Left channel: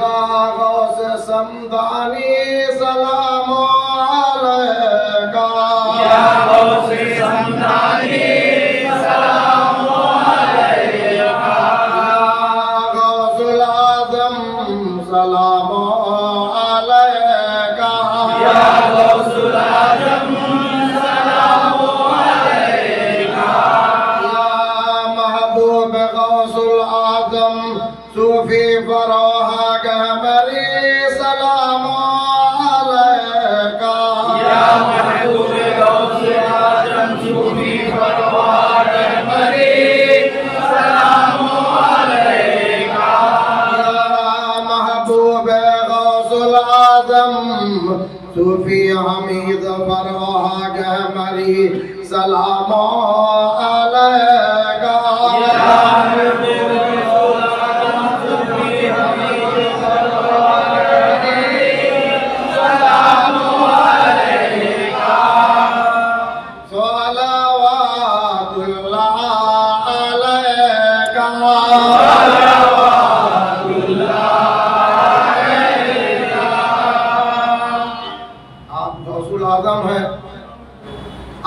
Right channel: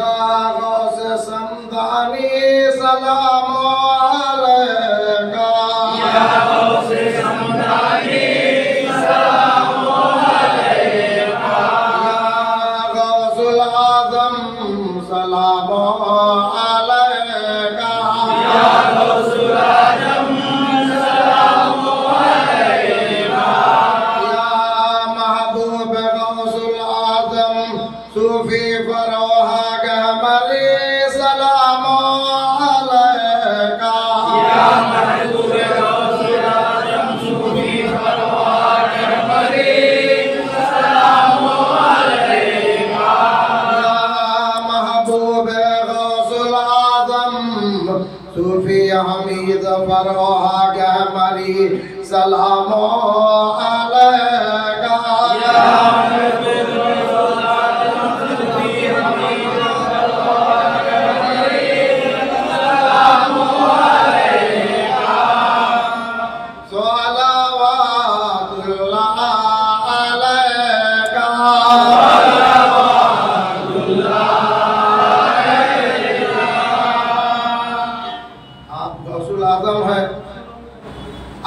या गौस समदानी सलाम अलैका या गौस समदानी सलाम अलैका या गौसुल आज़म सलाम अलैका या गौसुल आज़म सलाम अलैका या महबूब गौसुल आज़म सूफी फरोहा गहमरी सलाम अलैका या महबूब गौसुल आज़म सूफी फरोहा गहमरी सलाम अलैका या महबूब गौसुल आज़म सूफी हमीद फरोहा गहमरी सलाम अलैका या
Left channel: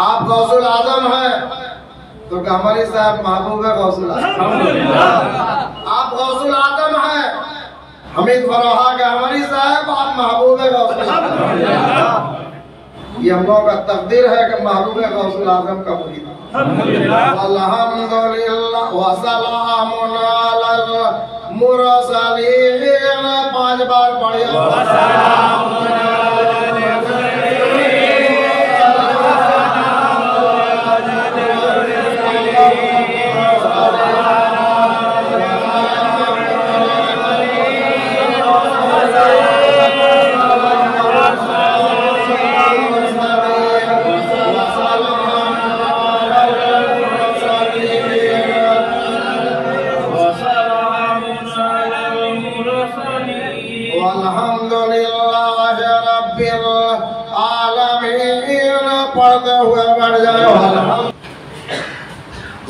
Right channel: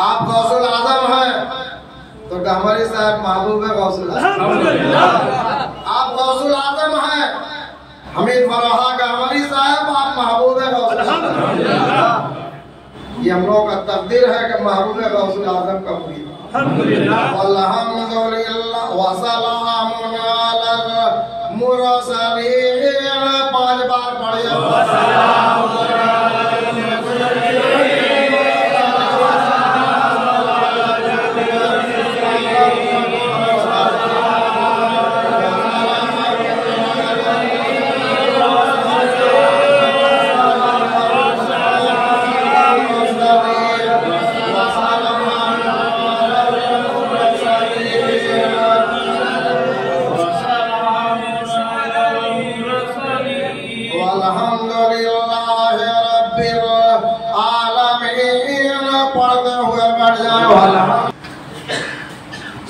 आप गौसुल आज़म है तो गहमरी साहब महबूब है गौसुल आज़म। आप गौसुल आज़म है हमीद फरोहा गहमरी साहब आप महबूब है गौसुल आज़म। ये हम लोगों का तकदीर है कि महबूब है गौसुल आज़म का मुरीद। अल्हम्दुलिल्लाह व सलामुन अलल मुरसलीन 5 बार पढ़िए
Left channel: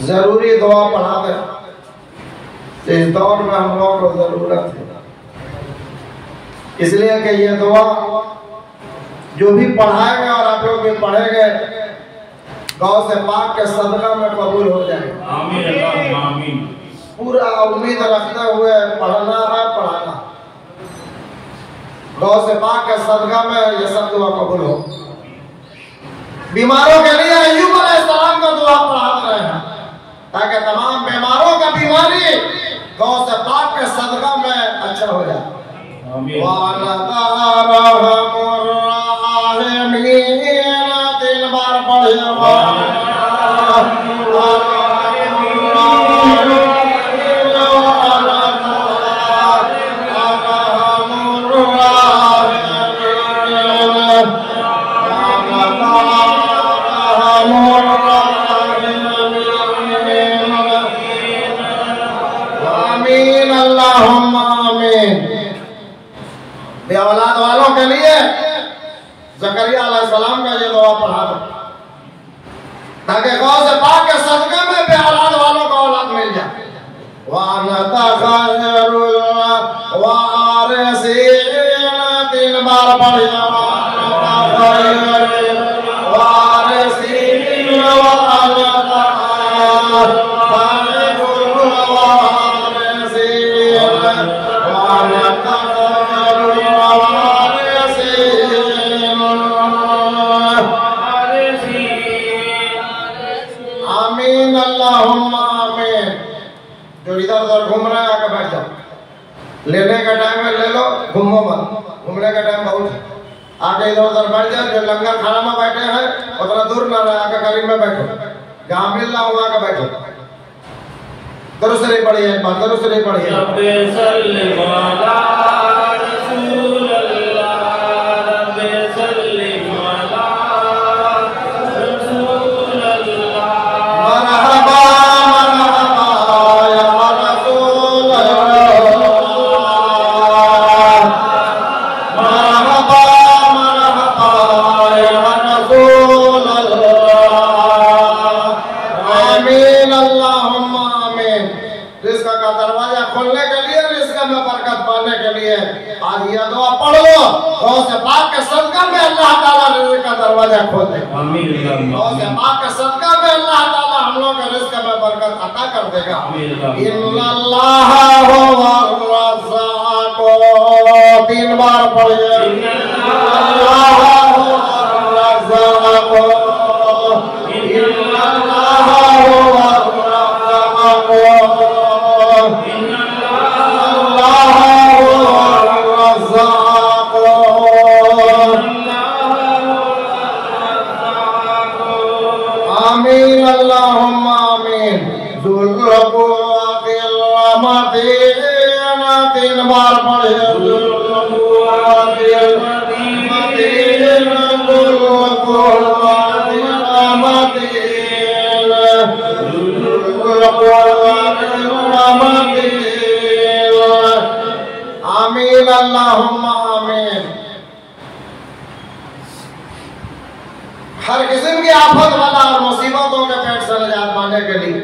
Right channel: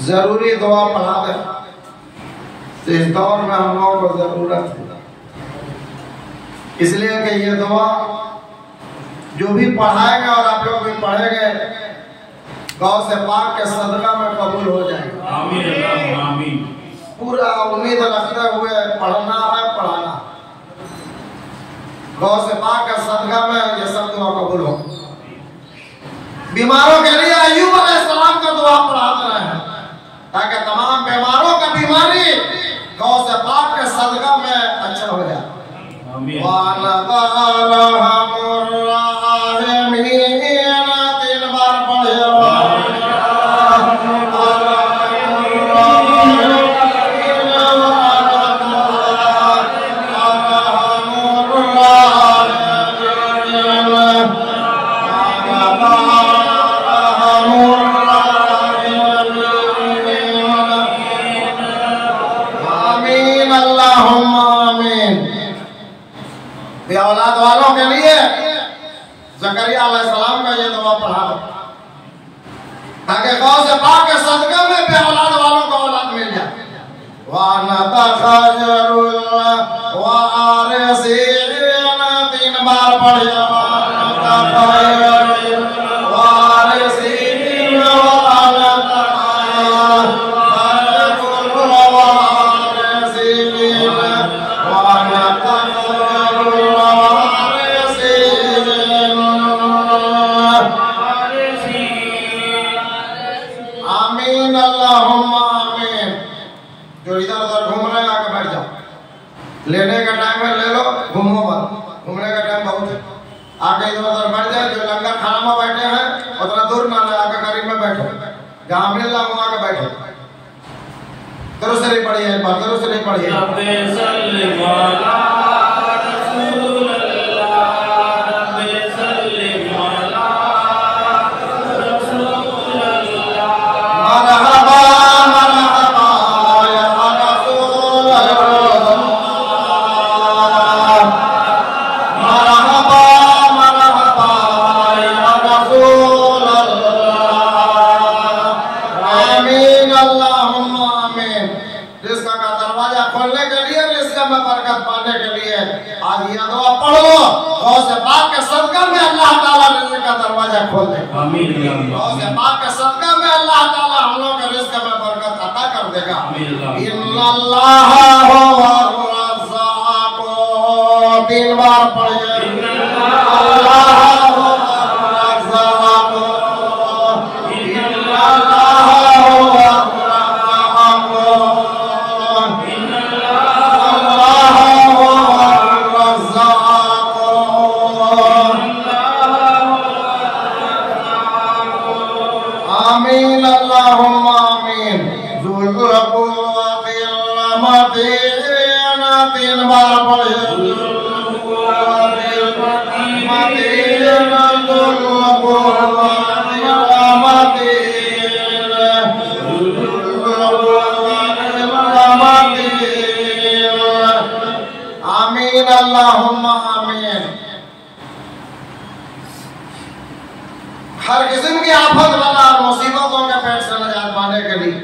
जरूरी दुआ पढ़ा दे इस दौर में हम लोगों को जरूरत है, इसलिए कि ये दुआ जो भी पढ़ाएंगे और आप लोग भी पढ़ेंगे गौ से पाक के सदका में कबूल हो जाएगा। आमीन आमीन। पूरा उम्मीद रखते हुए पढ़ना है पढ़ाना, गौ से पाक के सदका में ये सब दुआ कबूल हो। बीमारों के लिए अय्यूब अलैहिस्सलाम का दुआ पढ़ाते रहे हैं ताकि तमाम बीमारों का बीमारी गौ से पाक के सदका में अच्छा हो जाए। आमीन। 3 बार पढ़िए औलाद वालों के लिए ज़करिया अलैहिस्सलाम का ये दुआ पढ़ा दो ताकि गौ से पाक के सदका में भी औलाद वालों को औलाद मिल जाए। वानतखरुल वारिसीन 3 बार पढ़िए लेने का टाइम है ले लो, घूमो मत, घूमने का टाइम बहुत है। आके इधर उधर बैठ जाए, जो लंगर खाना में बैठे हैं उतना दूर ना रहे, आके करीब में बैठो, जहाँ मिल रहा वहाँ के बैठो। दरूद पढ़िए, दरूद पढ़िए। खोलने के लिए, रिज़्क़ में बरकत पाने के आज ये दुआ पढ़ लो, गौस पाक के सदका में अल्लाह ताला रिज़्क़ का दरवाजा खोल दे। आमीन। गौस पाक के सदका में अल्लाह ताला हम लोग के रिज़्क़ में बरकत अता कर देगा। इन्नल्लाह हुव्वर-रज़्ज़ाक़, 3 बार पढ़िए। इन्नल्लाह हुव्वर-रज़्ज़ाक़, इन्नल्लाह हुव्वर-रज़्ज़ाक़, इन्नल्लाह हुव्वर-रज़्ज़ाक़। आमीन अल्लाहुम्मा आमीन। ज़ुल कुव्वतिल मतीन, 3 बार पढ़िए। आमीन अल्लाहुम्मा आमीन। हर किस्म की आफत वाला और मुसीबतों के पेट से निजात पाने के लिए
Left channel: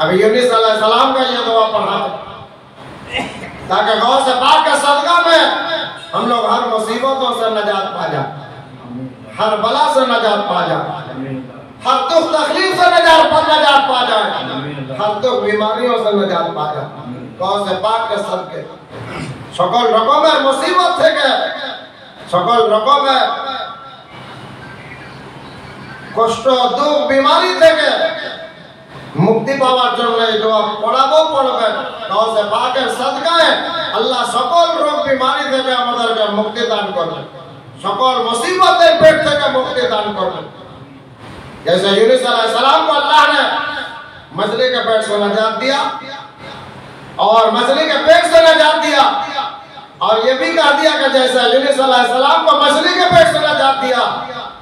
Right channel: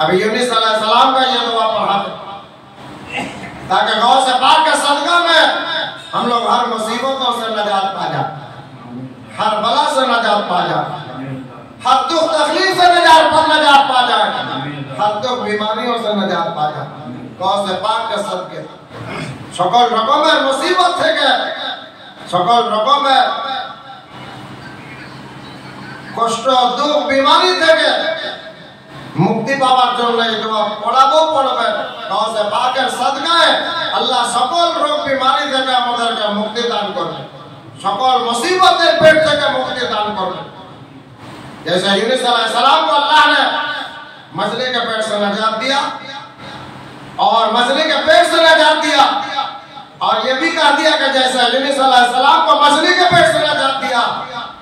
अभी यूनुस अलैहिस्सलाम का ये दुआ पढ़ा ताकि गौस पाक के सदका में हम लोग हर मुसीबतों से निजात पा जाए, हर बला से निजात पा जाए, हर दुख तकलीफ से निजात पा जाए, हर दुख बीमारियों से निजात पा जाए। गौस पाक के सदके সকল রকমের মুসিবত থেকে, সকল রকমের কষ্ট দুঃখ বিমারি থেকে মুক্তি পাওয়ার জন্য এই দোয়া পড়বে। গৌস পাকের সদকায় আল্লাহ সকল রোগ বিমারি থেকে আমাদেরকে মুক্তি দান করবে, সকল মুসিবতের পেট থেকে মুক্তি দান করবে। जैसे यूनुस अलैहिस्सलाम को अल्लाह ने मछली के पेट से निजात दिया और मछली के पेट से निजात दिया, और ये भी कह दिया कि जैसे यूनुस अलैहिस्सलाम को मछली के पेट से निजात दिया,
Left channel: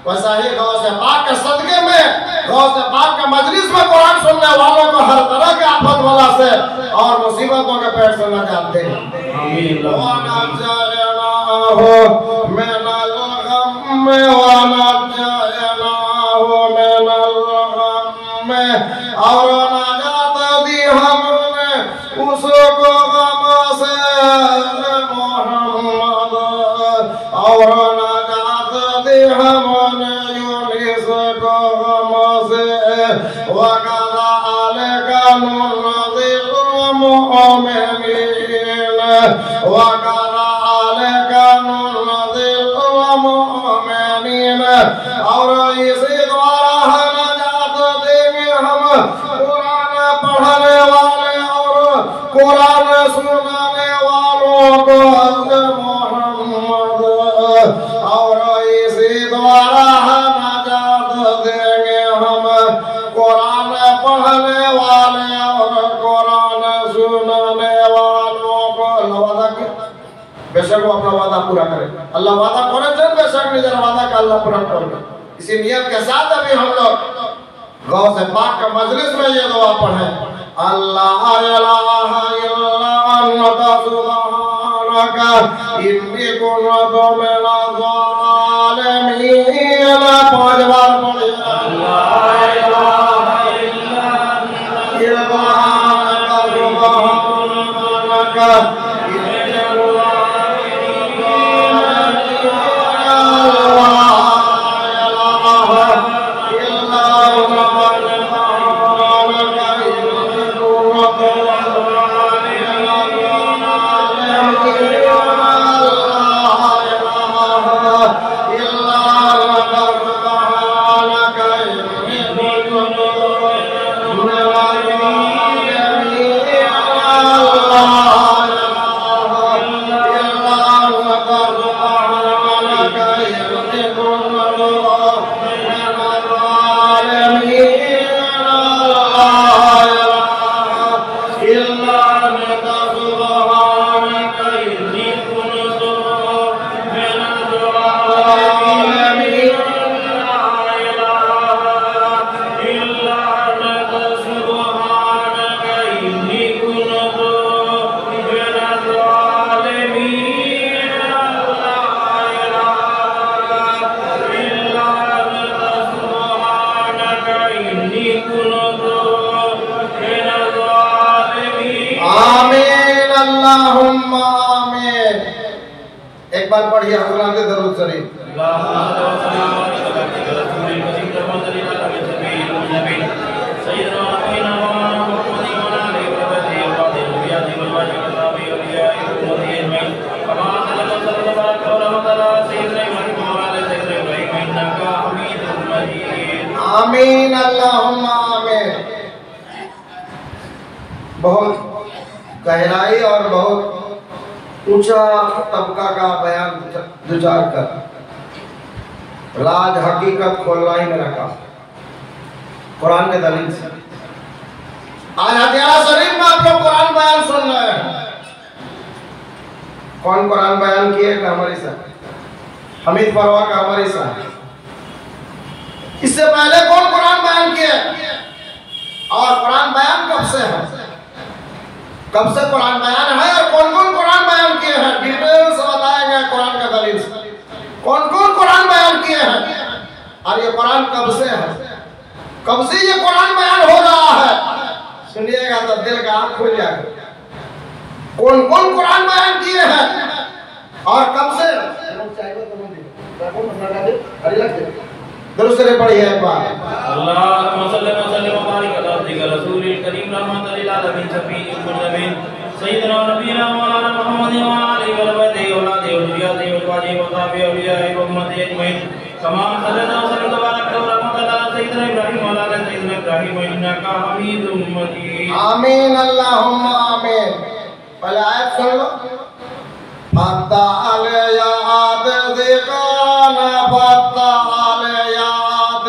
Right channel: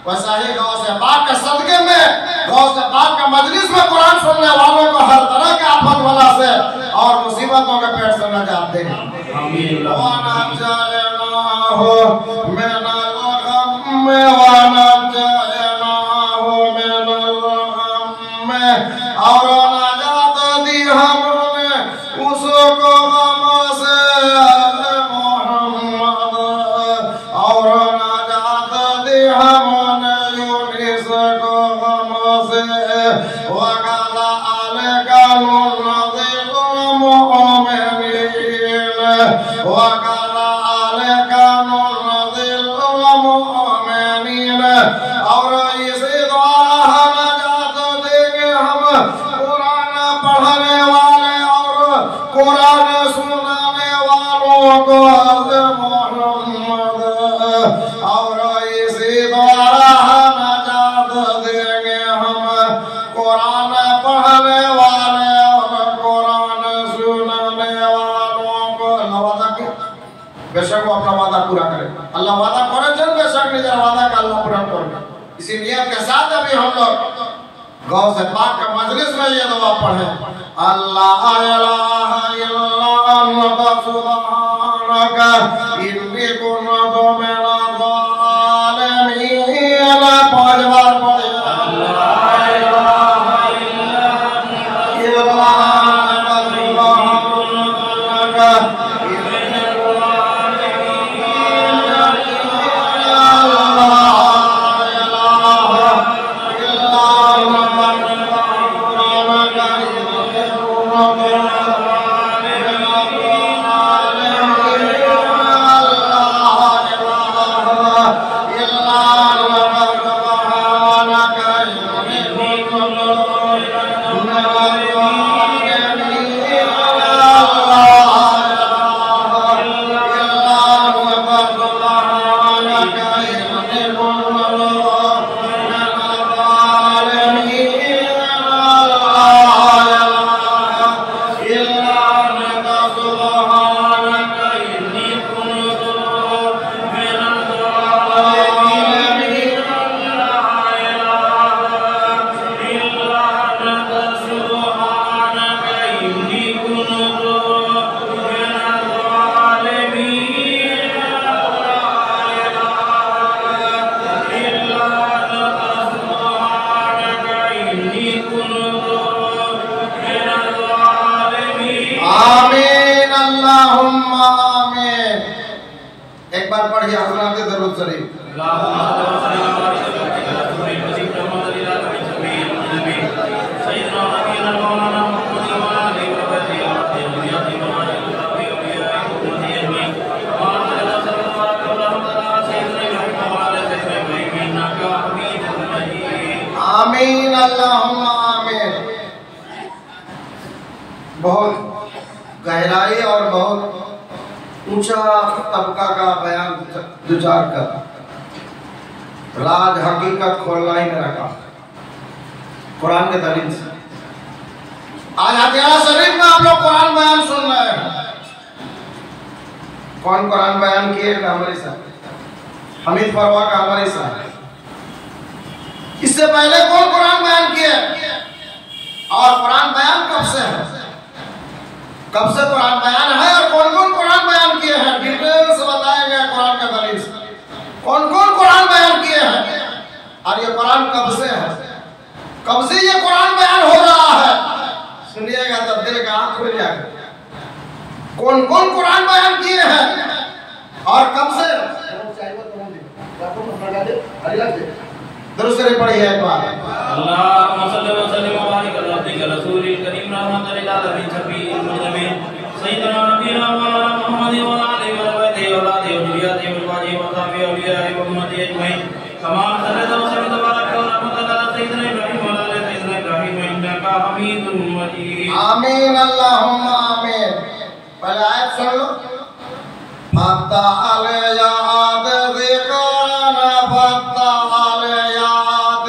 वैसा ही गौस पाक के सदके में, गौस पाक के मजलिस में कुरान सुनने वालों को हर तरह के आफत वाला से और मुसीबतों के पेट से निजात दे। आमीन। और निजात दी हमने उसको गम से मोहम्मद, और निजात दी हमने यूनुस को गम से, वकज़ालिका नुनज़िल मुमिनीन, वकज़ालिका नुनज़िल मुमिनीन। और इसी द्वारा निजात देंगे हम कुरान पढ़ने वाले और कुरान सुनाने वालों को मोहम्मद, और इसी द्वारा निजात देंगे हम कुरान पढ़ने वाले और कुरान सुनाने वालों को। अल्लाह वादा किया, बेशक वो अपना वादा पूरा करेगा। अल्लाह वादा करेगा, बेशक निजर वादा का अल्लाह पूरा करेगा। इसी नियत के साथ अभी हम लोग गौस पाक का मजलिस में ये दुआ पढ़े। अल्लाह इलाहा इल्ला अन्ता सुब्हानका इन्नी कुन्तु मिनज़ ज़ालिमीन। 5 बार पढ़े। अल्लाह इलाहा इल्ला अन्ता सुब्हानका इन्नी एक बार पढ़िए हज़रात दरूद शरीफ। आमीन अल्लाहुम्मा आमीन। बहुत गहराई और बहुत ऊंचा तबका का बयान विचार कर राज हकीकत खोलना ही मेरा काम कुरान के दलील से। आज हथियारा शरीफ में आप लोग कुरान बयान सुन रहे हैं। कौन कुरान बयान किए? हमारी साहब हमीद फरवा का हमारी साहब। इससे पहले कौन कुरान बयान किए? और कुरान बयान कब से है? कब से कुरान बयान है और कौन कौन कुरान बयान किए हैं? डिटेल से बताया गया कुरान का दलील से। कौन कौन कुरान बयान किए हैं और ये कुरान कब से है? कब से ये कुरान बयान हो रहा है? सुनिएगा तो दिल का आंख खुल जाएगा। कौन कौन कुरान बयान किए हैं और कब से? दूसरे पढ़िए एक बार। अल्लाहुम्मा सल्ली व सल्लिम व बारिक अला अब्दिका रसूलिल करीम रहमतल लिल आलमीन शफीइल मुज़लिमीन सय्यिदना नबीना मौलाना मुहम्मद व आलिहि व रहमतिहि व औलादिहि व ज़ुर्रिय्यतिहि व अज़वाजिहि व सहाबिहि व औलियाइहि व उम्मतिहि अजमईन कमा सल्लल्लाहु व सल्लम तबारक व रहमतल अला सय्यिदना इब्राहीम व अला सय्यिदना इब्राहीम इन्नका हमीदुम मजीद। आमीन अल्लाहुम्मा आमीन। पहले आयत सुन लो। फत्ता अलयाद ज़िकाना फत्ता अलयाद।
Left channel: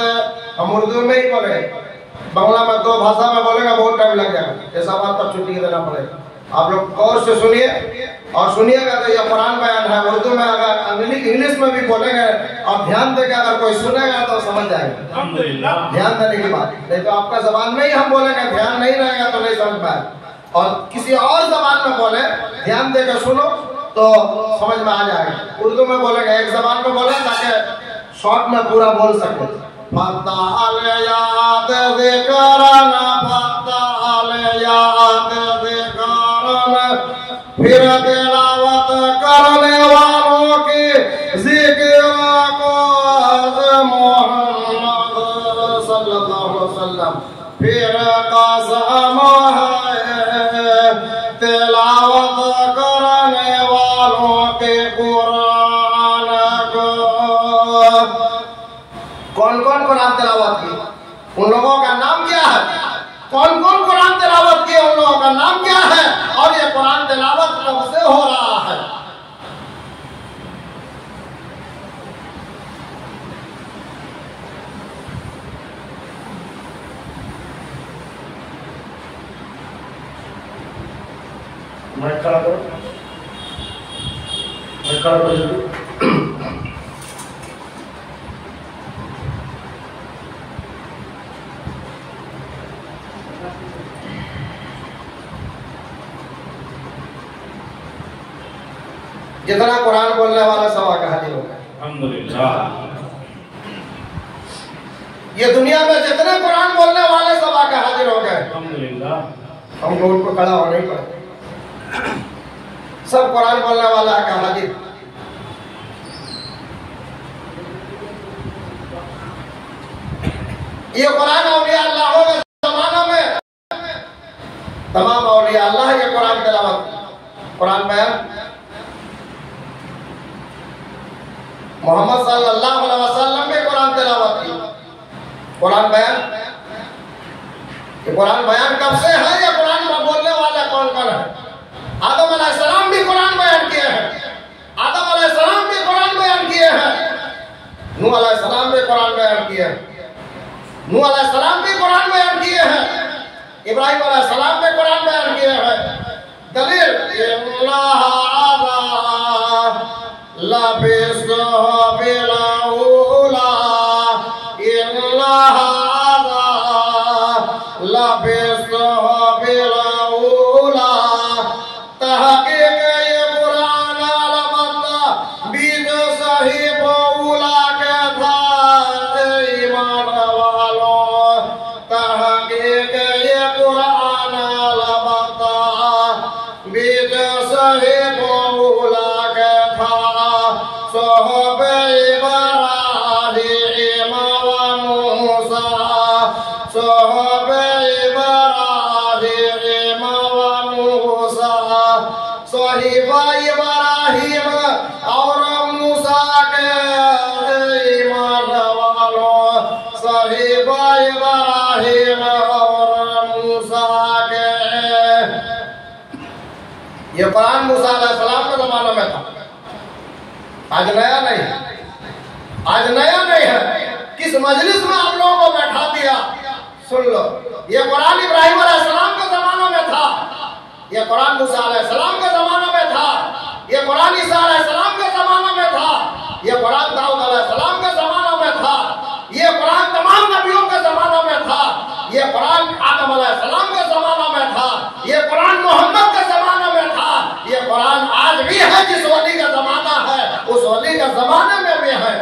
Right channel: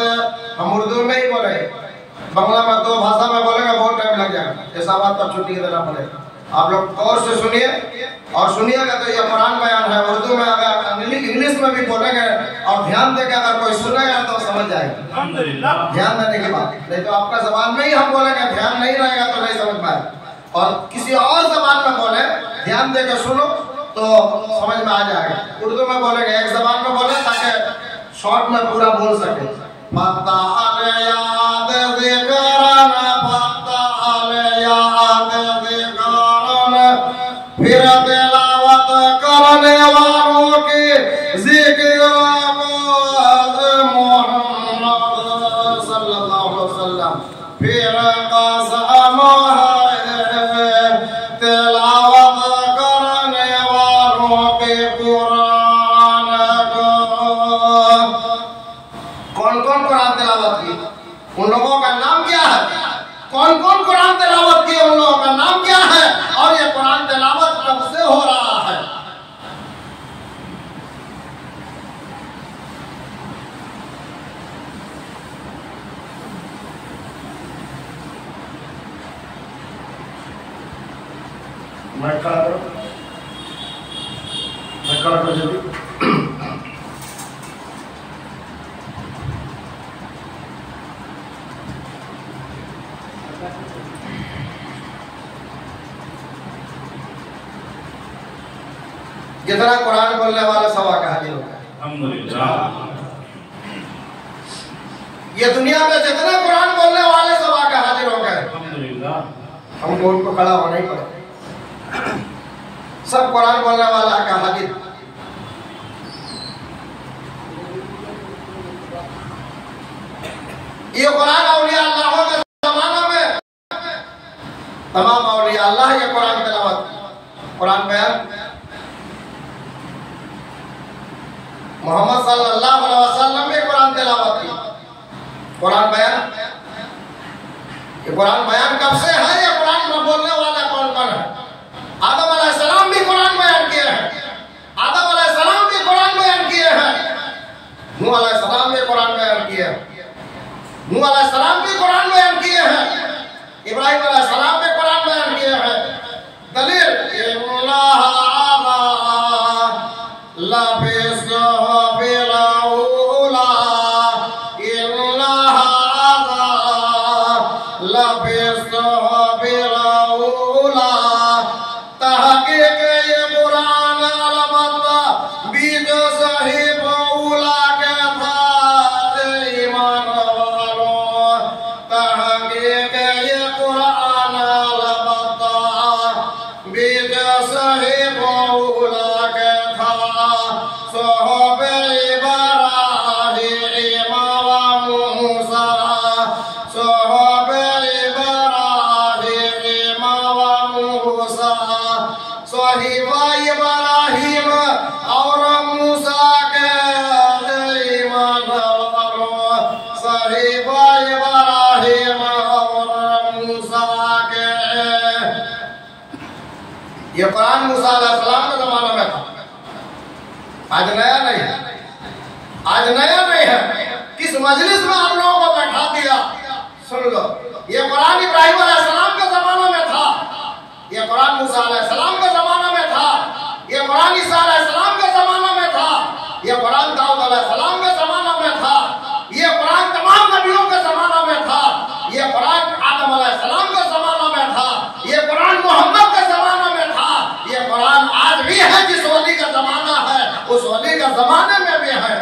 हम उर्दू में ही बोले, बांग्ला में दो भाषा में बोलेगा बहुत टाइम लग जाएगा। ऐसा बात पर छुट्टी देना पड़ेगा। आप लोग गौर से सुनिए और सुनिएगा तो ये कुरान बयान है। उर्दू में अगर इंग्लिश में भी बोलेंगे और ध्यान देकर अगर कोई सुनेगा तो समझ जाएगा। अल्हम्दुलिल्लाह। ध्यान देने की बात, नहीं तो आपका जबान में ही हम बोलेंगे, ध्यान नहीं रहेगा तो नहीं समझ पाएगा। और किसी और जबान में बोले, ध्यान देकर सुनो तो समझ में आ जाएगा। उर्दू में बोलेंगे, एक जबान में बोले ताकि शॉर्ट में पूरा बोल सके। फत्ता अलयाद ज़िकरना फत्ता अलयाद ज़िकरना। फिर तिलावत करने वालों की जिक्र को मोहम्मद सल्लल्लाहु अलैहि वसल्लम। फिर कसम है तिलावत करने वालों के कुरान को। कौन कौन कुरान तिलावत की? उन लोगों का नाम क्या है? कौन कौन कुरान तिलावत किए? उन लोगों का नाम क्या है? और ये कुरान तिलावत कब से हो रहा है? मैं खड़ा करो, मैं खड़ा करो जल्दी। जितना कुरान बोलने वाला सब आके हाजिर हो गए। अल्हम्दुलिल्लाह। ये दुनिया में जितने कुरान बोलने वाले सब आके हाजिर हो गए। अल्हम्दुलिल्लाह। हमको उनको खड़ा होना ही पड़ेगा। सब कुरान बोलने वाला आके हाजिर। ये कुरान औलिया अल्लाह के जमाना में तमाम औलिया अल्लाह ये कुरान तिलावत, कुरान बयान। मोहम्मद सल्लल्लाहु अलैहि वसल्लम भी कुरान तिलावत की, कुरान बयान। ये कुरान बयान कब से है? ये कुरान में बोलने वाला कौन कौन है? आदम अलैहिस्सलाम भी कुरान बयान किए हैं। आदम अलैहिस्सलाम भी कुरान बयान किए हैं। नूह अलैहिस्सलाम भी कुरान बयान किए हैं। नूह अलैहिस्सलाम भी कुरान बयान किए हैं। इब्राहीम अलैहिस्सलाम भी कुरान बयान किए हैं। दलील ये कुरान मूसा अलैहिस्सलाम के जमाने में था, आज नया नहीं है, आज नया नहीं है। किस मजलिस में हम लोगों को बैठा दिया, सुन लो। ये कुरान इब्राहिम अलैहिस्सलाम के जमाने में था, ये कुरान मूसा अलैहिस्सलाम के जमाने में था, ये कुरान ईसा अलैहिस्सलाम के जमाने में था, ये कुरान दाऊद अलैहिस्सलाम के जमाने में था, ये कुरान तमाम नबियों के जमाने में था, ये कुरान आदम अलैहिस्सलाम के जमाने में था, ये कुरान मोहम्मद के जमाने में था, ये कुरान आज भी है। जिस वली का जमाना है उस वली का जमाने में भी है।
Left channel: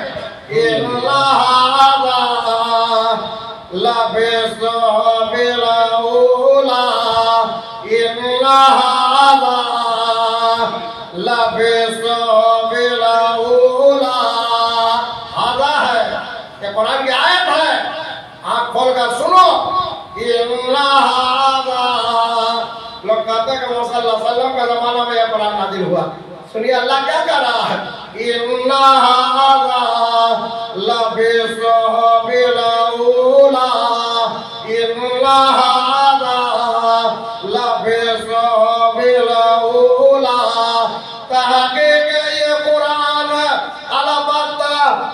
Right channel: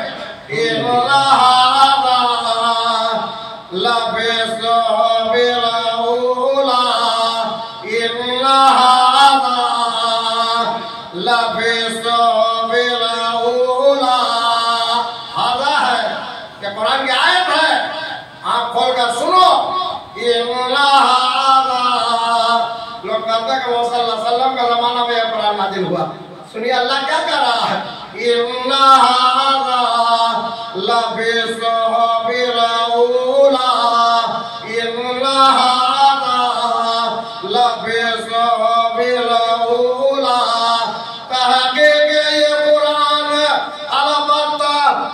कुरान की आयत है, आँख खोलकर सुनो। लोग कहते हैं कि मूसा सल्लल्लाहु का जमाना में यह कुरान नाजिल हुआ। सुनिए अल्लाह क्या कह रहा है,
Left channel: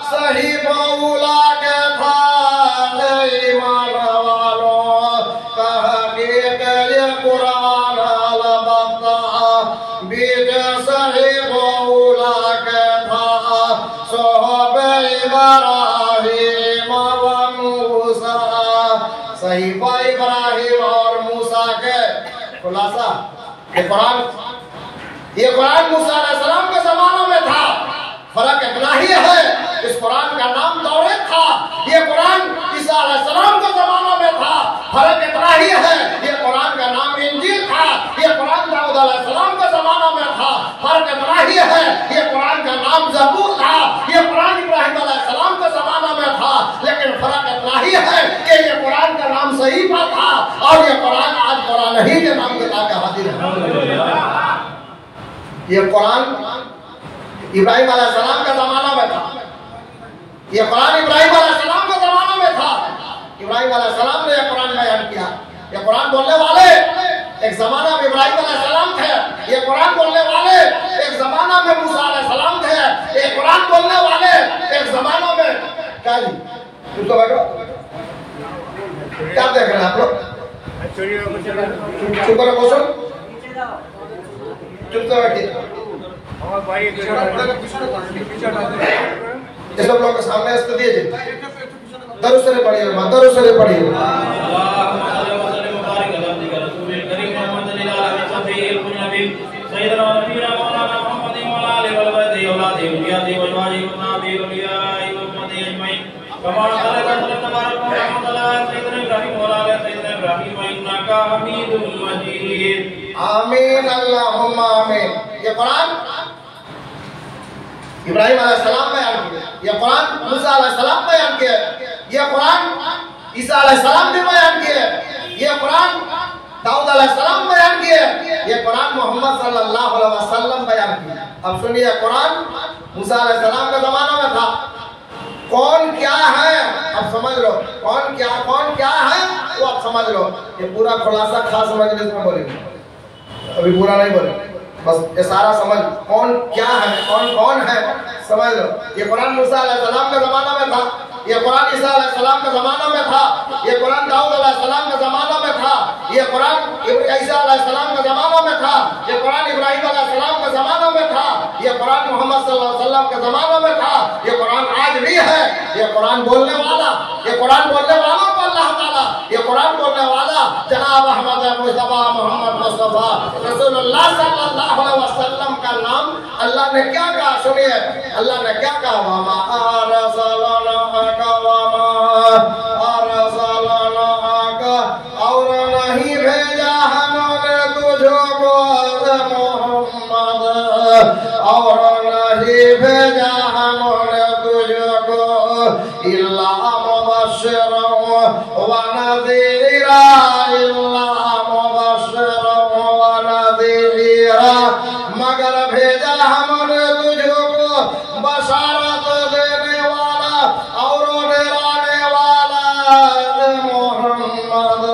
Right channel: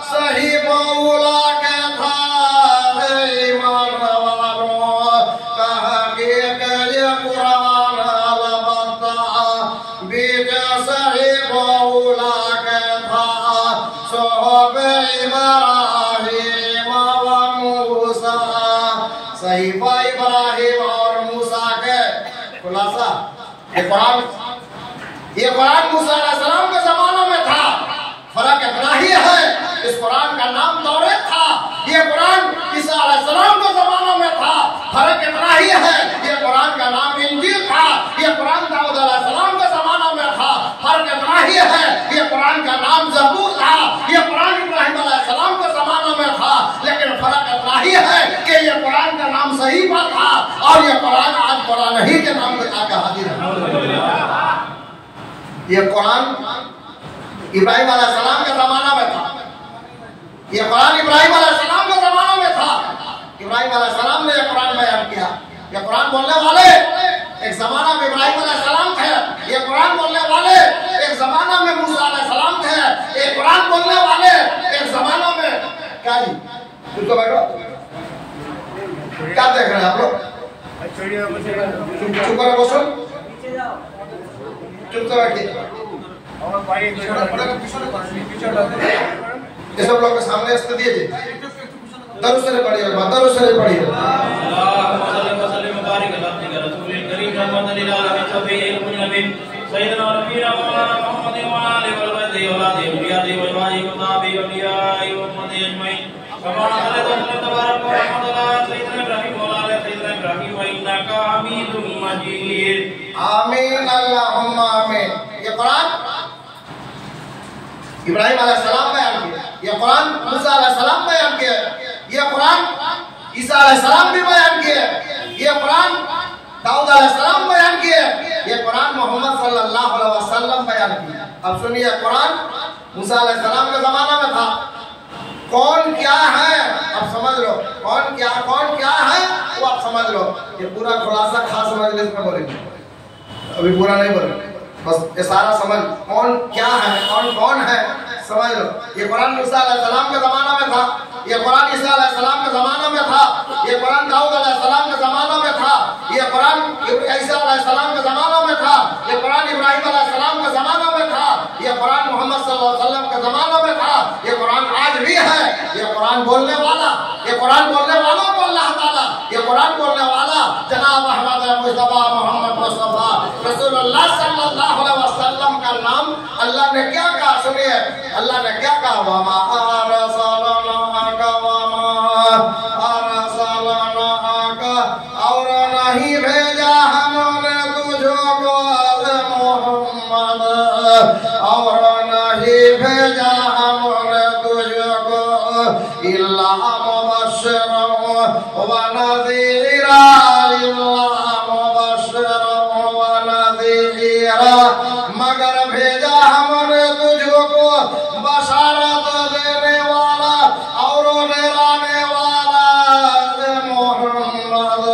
सही मौला के था ईमान वालों, कहा कि ये कुरान अलबत्ता बीज सही मौला के था सोहबे इब्राहिम व मूसा, सहीफा इब्राहिम और मूसा के खुलासा। ये कुरान मूसा अलैहिस्सलाम के जमाने में था, फर्क इतना ही है इस कुरान का नाम तौरात था, ये कुरान ईसा अलैहिस्सलाम के जमाने में था, फर्क इतना ही है ये कुरान का नाम इंजील था, ये कुरान दाऊद अलैहिस्सलाम के जमाने में था, फर्क इतना ही है ये कुरान का नाम ज़बूर था, ये कुरान इब्राहिम अलैहिस्सलाम के जमाने में था, लेकिन फर्क इतना ही है कि ये कुरान का नाम सहीफा था और ये कुरान आज कुरान ही के नाम के ताके हाजिर है। ये कुरान इब्राहिम अलैहिस्सलाम के जमाना में था, ये कुरान इब्राहिम अलैहिस्सलाम के जमाना में था। इब्राहिम अलैहिस्सलाम ने ये कुरान बयान किया। ये कुरान बोलने वाले एक जमाना में इब्राहिम अलैहिस्सलाम थे, ये कुरान बोलने वाले एक जमाना में मूसा अलैहिस्सलाम थे, ये कुरान बोलने वाले एक जमाना में क्या जी तुम तो बैठो, क्या देख रहे हैं आप लोग? चुप करो, बसो, चुप तो बैठिए। ये सब लोग के सामने इसको दिए दरुद से पढ़िए, दरुद से पढ़िए। आमीन अल्लाहुम्मा आमीन। ये कुरान इब्राहिम अलैहिस्सलाम बयान किया, ये कुरान मूसा अलैहिस्सलाम बयान किया, ये कुरान ईसा अलैहिस्सलाम भी बयान किए, ये कुरान दाऊद अलैहिस्सलाम बयान किए, ये कुरान मोहम्मद सल्लल्लाहु अलैहि वसल्लम बयान किया। अब सुनिए, कुरान मूसा अलैहिस्सलाम के जमाना में था। कौन क्या है अब समझ लो, कौन क्या है वो आप समझ लो। ये पूरा खुलासा खास मजलिस में बोलेंगे, अभी पूरा नहीं बोलेंगे, बस ये सारा समझ कौन क्या है, कौन है समझ लो। ये कुरान मूसा अलैहिस्सलाम के जमाना में था, ये कुरान ईसा अलैहिस्सलाम के जमाना में था, ये कुरान दाऊद अलैहिस्सलाम के जमाना में था, ये कुरान ईसा अलैहिस्सलाम के जमाना में था, ये कुरान इब्राहिम अलैहिस्सलाम के जमाना में था, ये कुरान मोहम्मद सल्लल्लाहु अलैहि वसल्लम के जमाना में था, ये कुरान आज भी है। ये कुरान बोलने वाला, ये कुरान बोलने वाला को अल्लाह ताला, ये कुरान बोलने वाला जनाब अहमद मुस्तफा मोहम्मद मुस्तफा रसूलुल्लाह सल्लल्लाहु अलैहि वसल्लम का नाम अल्लाह ने क्या कहा, सुनिए अल्लाह ने क्या कहा, वमा अरसलनाका और नहीं भेजा हमने तुझको मोहम्मद, और नहीं भेजा हमने तुझको इल्ला मुबश्शिरन व नज़ीरा, इल्ला मुबश्शिरन व नज़ीरा, मगर भेजा हमने तुझको बशारत देने वाला और डराने वाला मोहम्मद,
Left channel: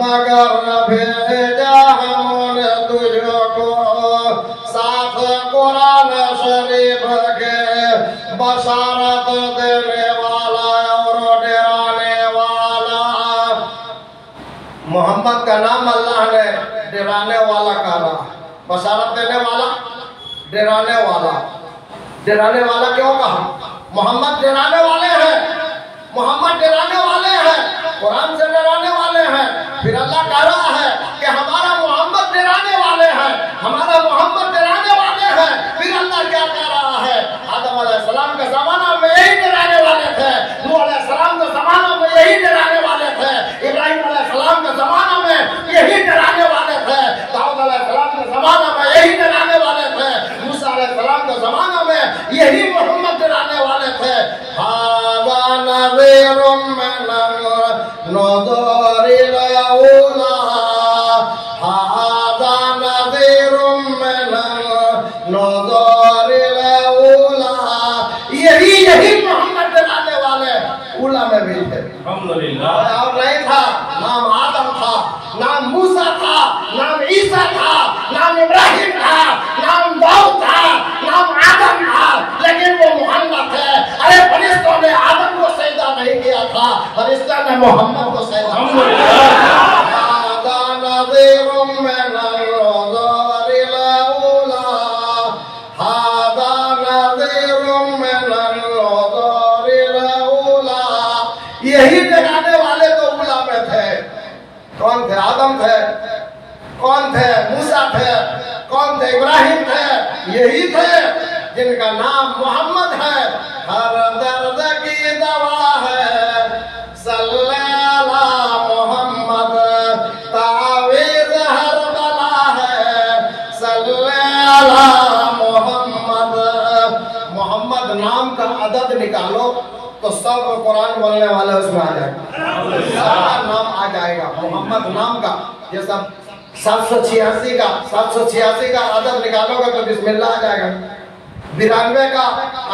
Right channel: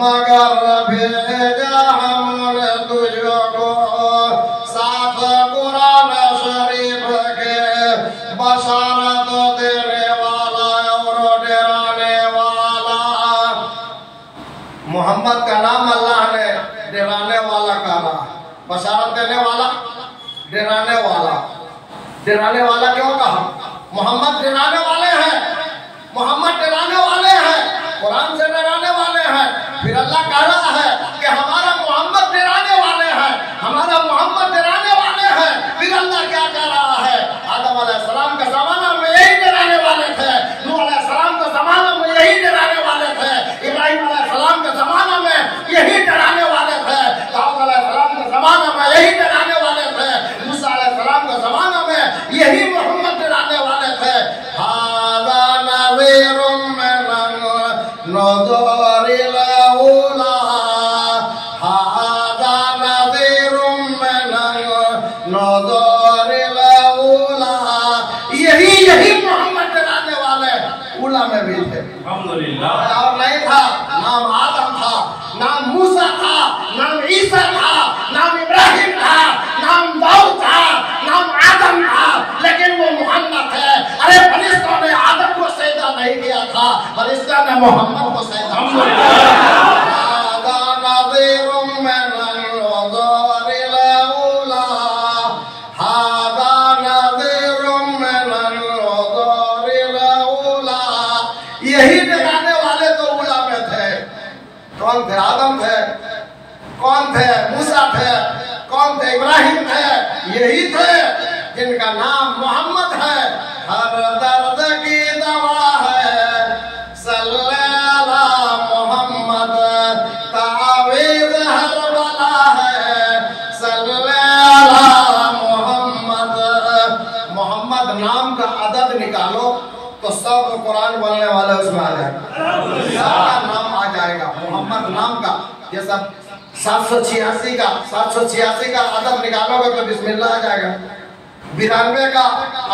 मगर भेजा हमने तुझको मोहम्मद का नाम अल्लाह ने डराने वाला कहा, बशारत देने वाला, डराने वाला। डराने वाला क्यों कहा? मोहम्मद डराने वाले हैं, मोहम्मद डराने वाले हैं, कुरान से डराने वाले हैं। फिर अल्लाह कह रहा है कि हमारा मोहम्मद डराने वाले हैं, हमारा मोहम्मद डराने वाले हैं। फिर अल्लाह क्या कह रहा है? आदम अलैहिस्सलाम का ज़माना में यही डराने वाले थे, नूह अलैहिस्सलाम का ज़माना में यही डराने वाले थे, इब्राहिम अलैहिस्सलाम के ज़माना में यही डराने वाले थे, दाऊद अलैहिस्सलाम के ज़माना में यही डराने वाले थे, मूसा अलैहिस्सलाम के ज़माना में यही मोहम्मद डराने वाले थे। हाज़ा नज़ीरुम मिनन नज़रिल अऊला, हाज़ा नज़ीरुम मिनन नज़रिल अऊला। यही मोहम्मद डराने वाले उला में भी थे। अल्हम्दुलिल्लाह। और नहीं था, नाम आदम था, नाम मूसा था, नाम ईसा था, नाम इब्राहिम था, नाम दाऊद था, नाम आदम था, लेकिन वो मोहम्मद है। अरे फरिश्तों ने आदम को सजदा नहीं किया था, फरिश्ता ने मोहम्मद को सजदा किया। यही डराने वाले तो उला में थे। कौन थे? आदम थे। कौन थे? मूसा थे। कौन थे? इब्राहिम थे। यही थे जिनका नाम मोहम्मद है। हर दर्द की दवा है सल्लल्लाहु मोहम्मद, तावीज़ हर बला है सल्लल्लाहु मोहम्मद। मोहम्मद नाम का अदद निकालो तो सब कुरान बोलने वाले उसमें आ जाएगा, नाम आ जाएगा मोहम्मद नाम का। ये सब 786 का अदद निकालोगे तो बिस्मिल्लाह आ जाएगा। 92 का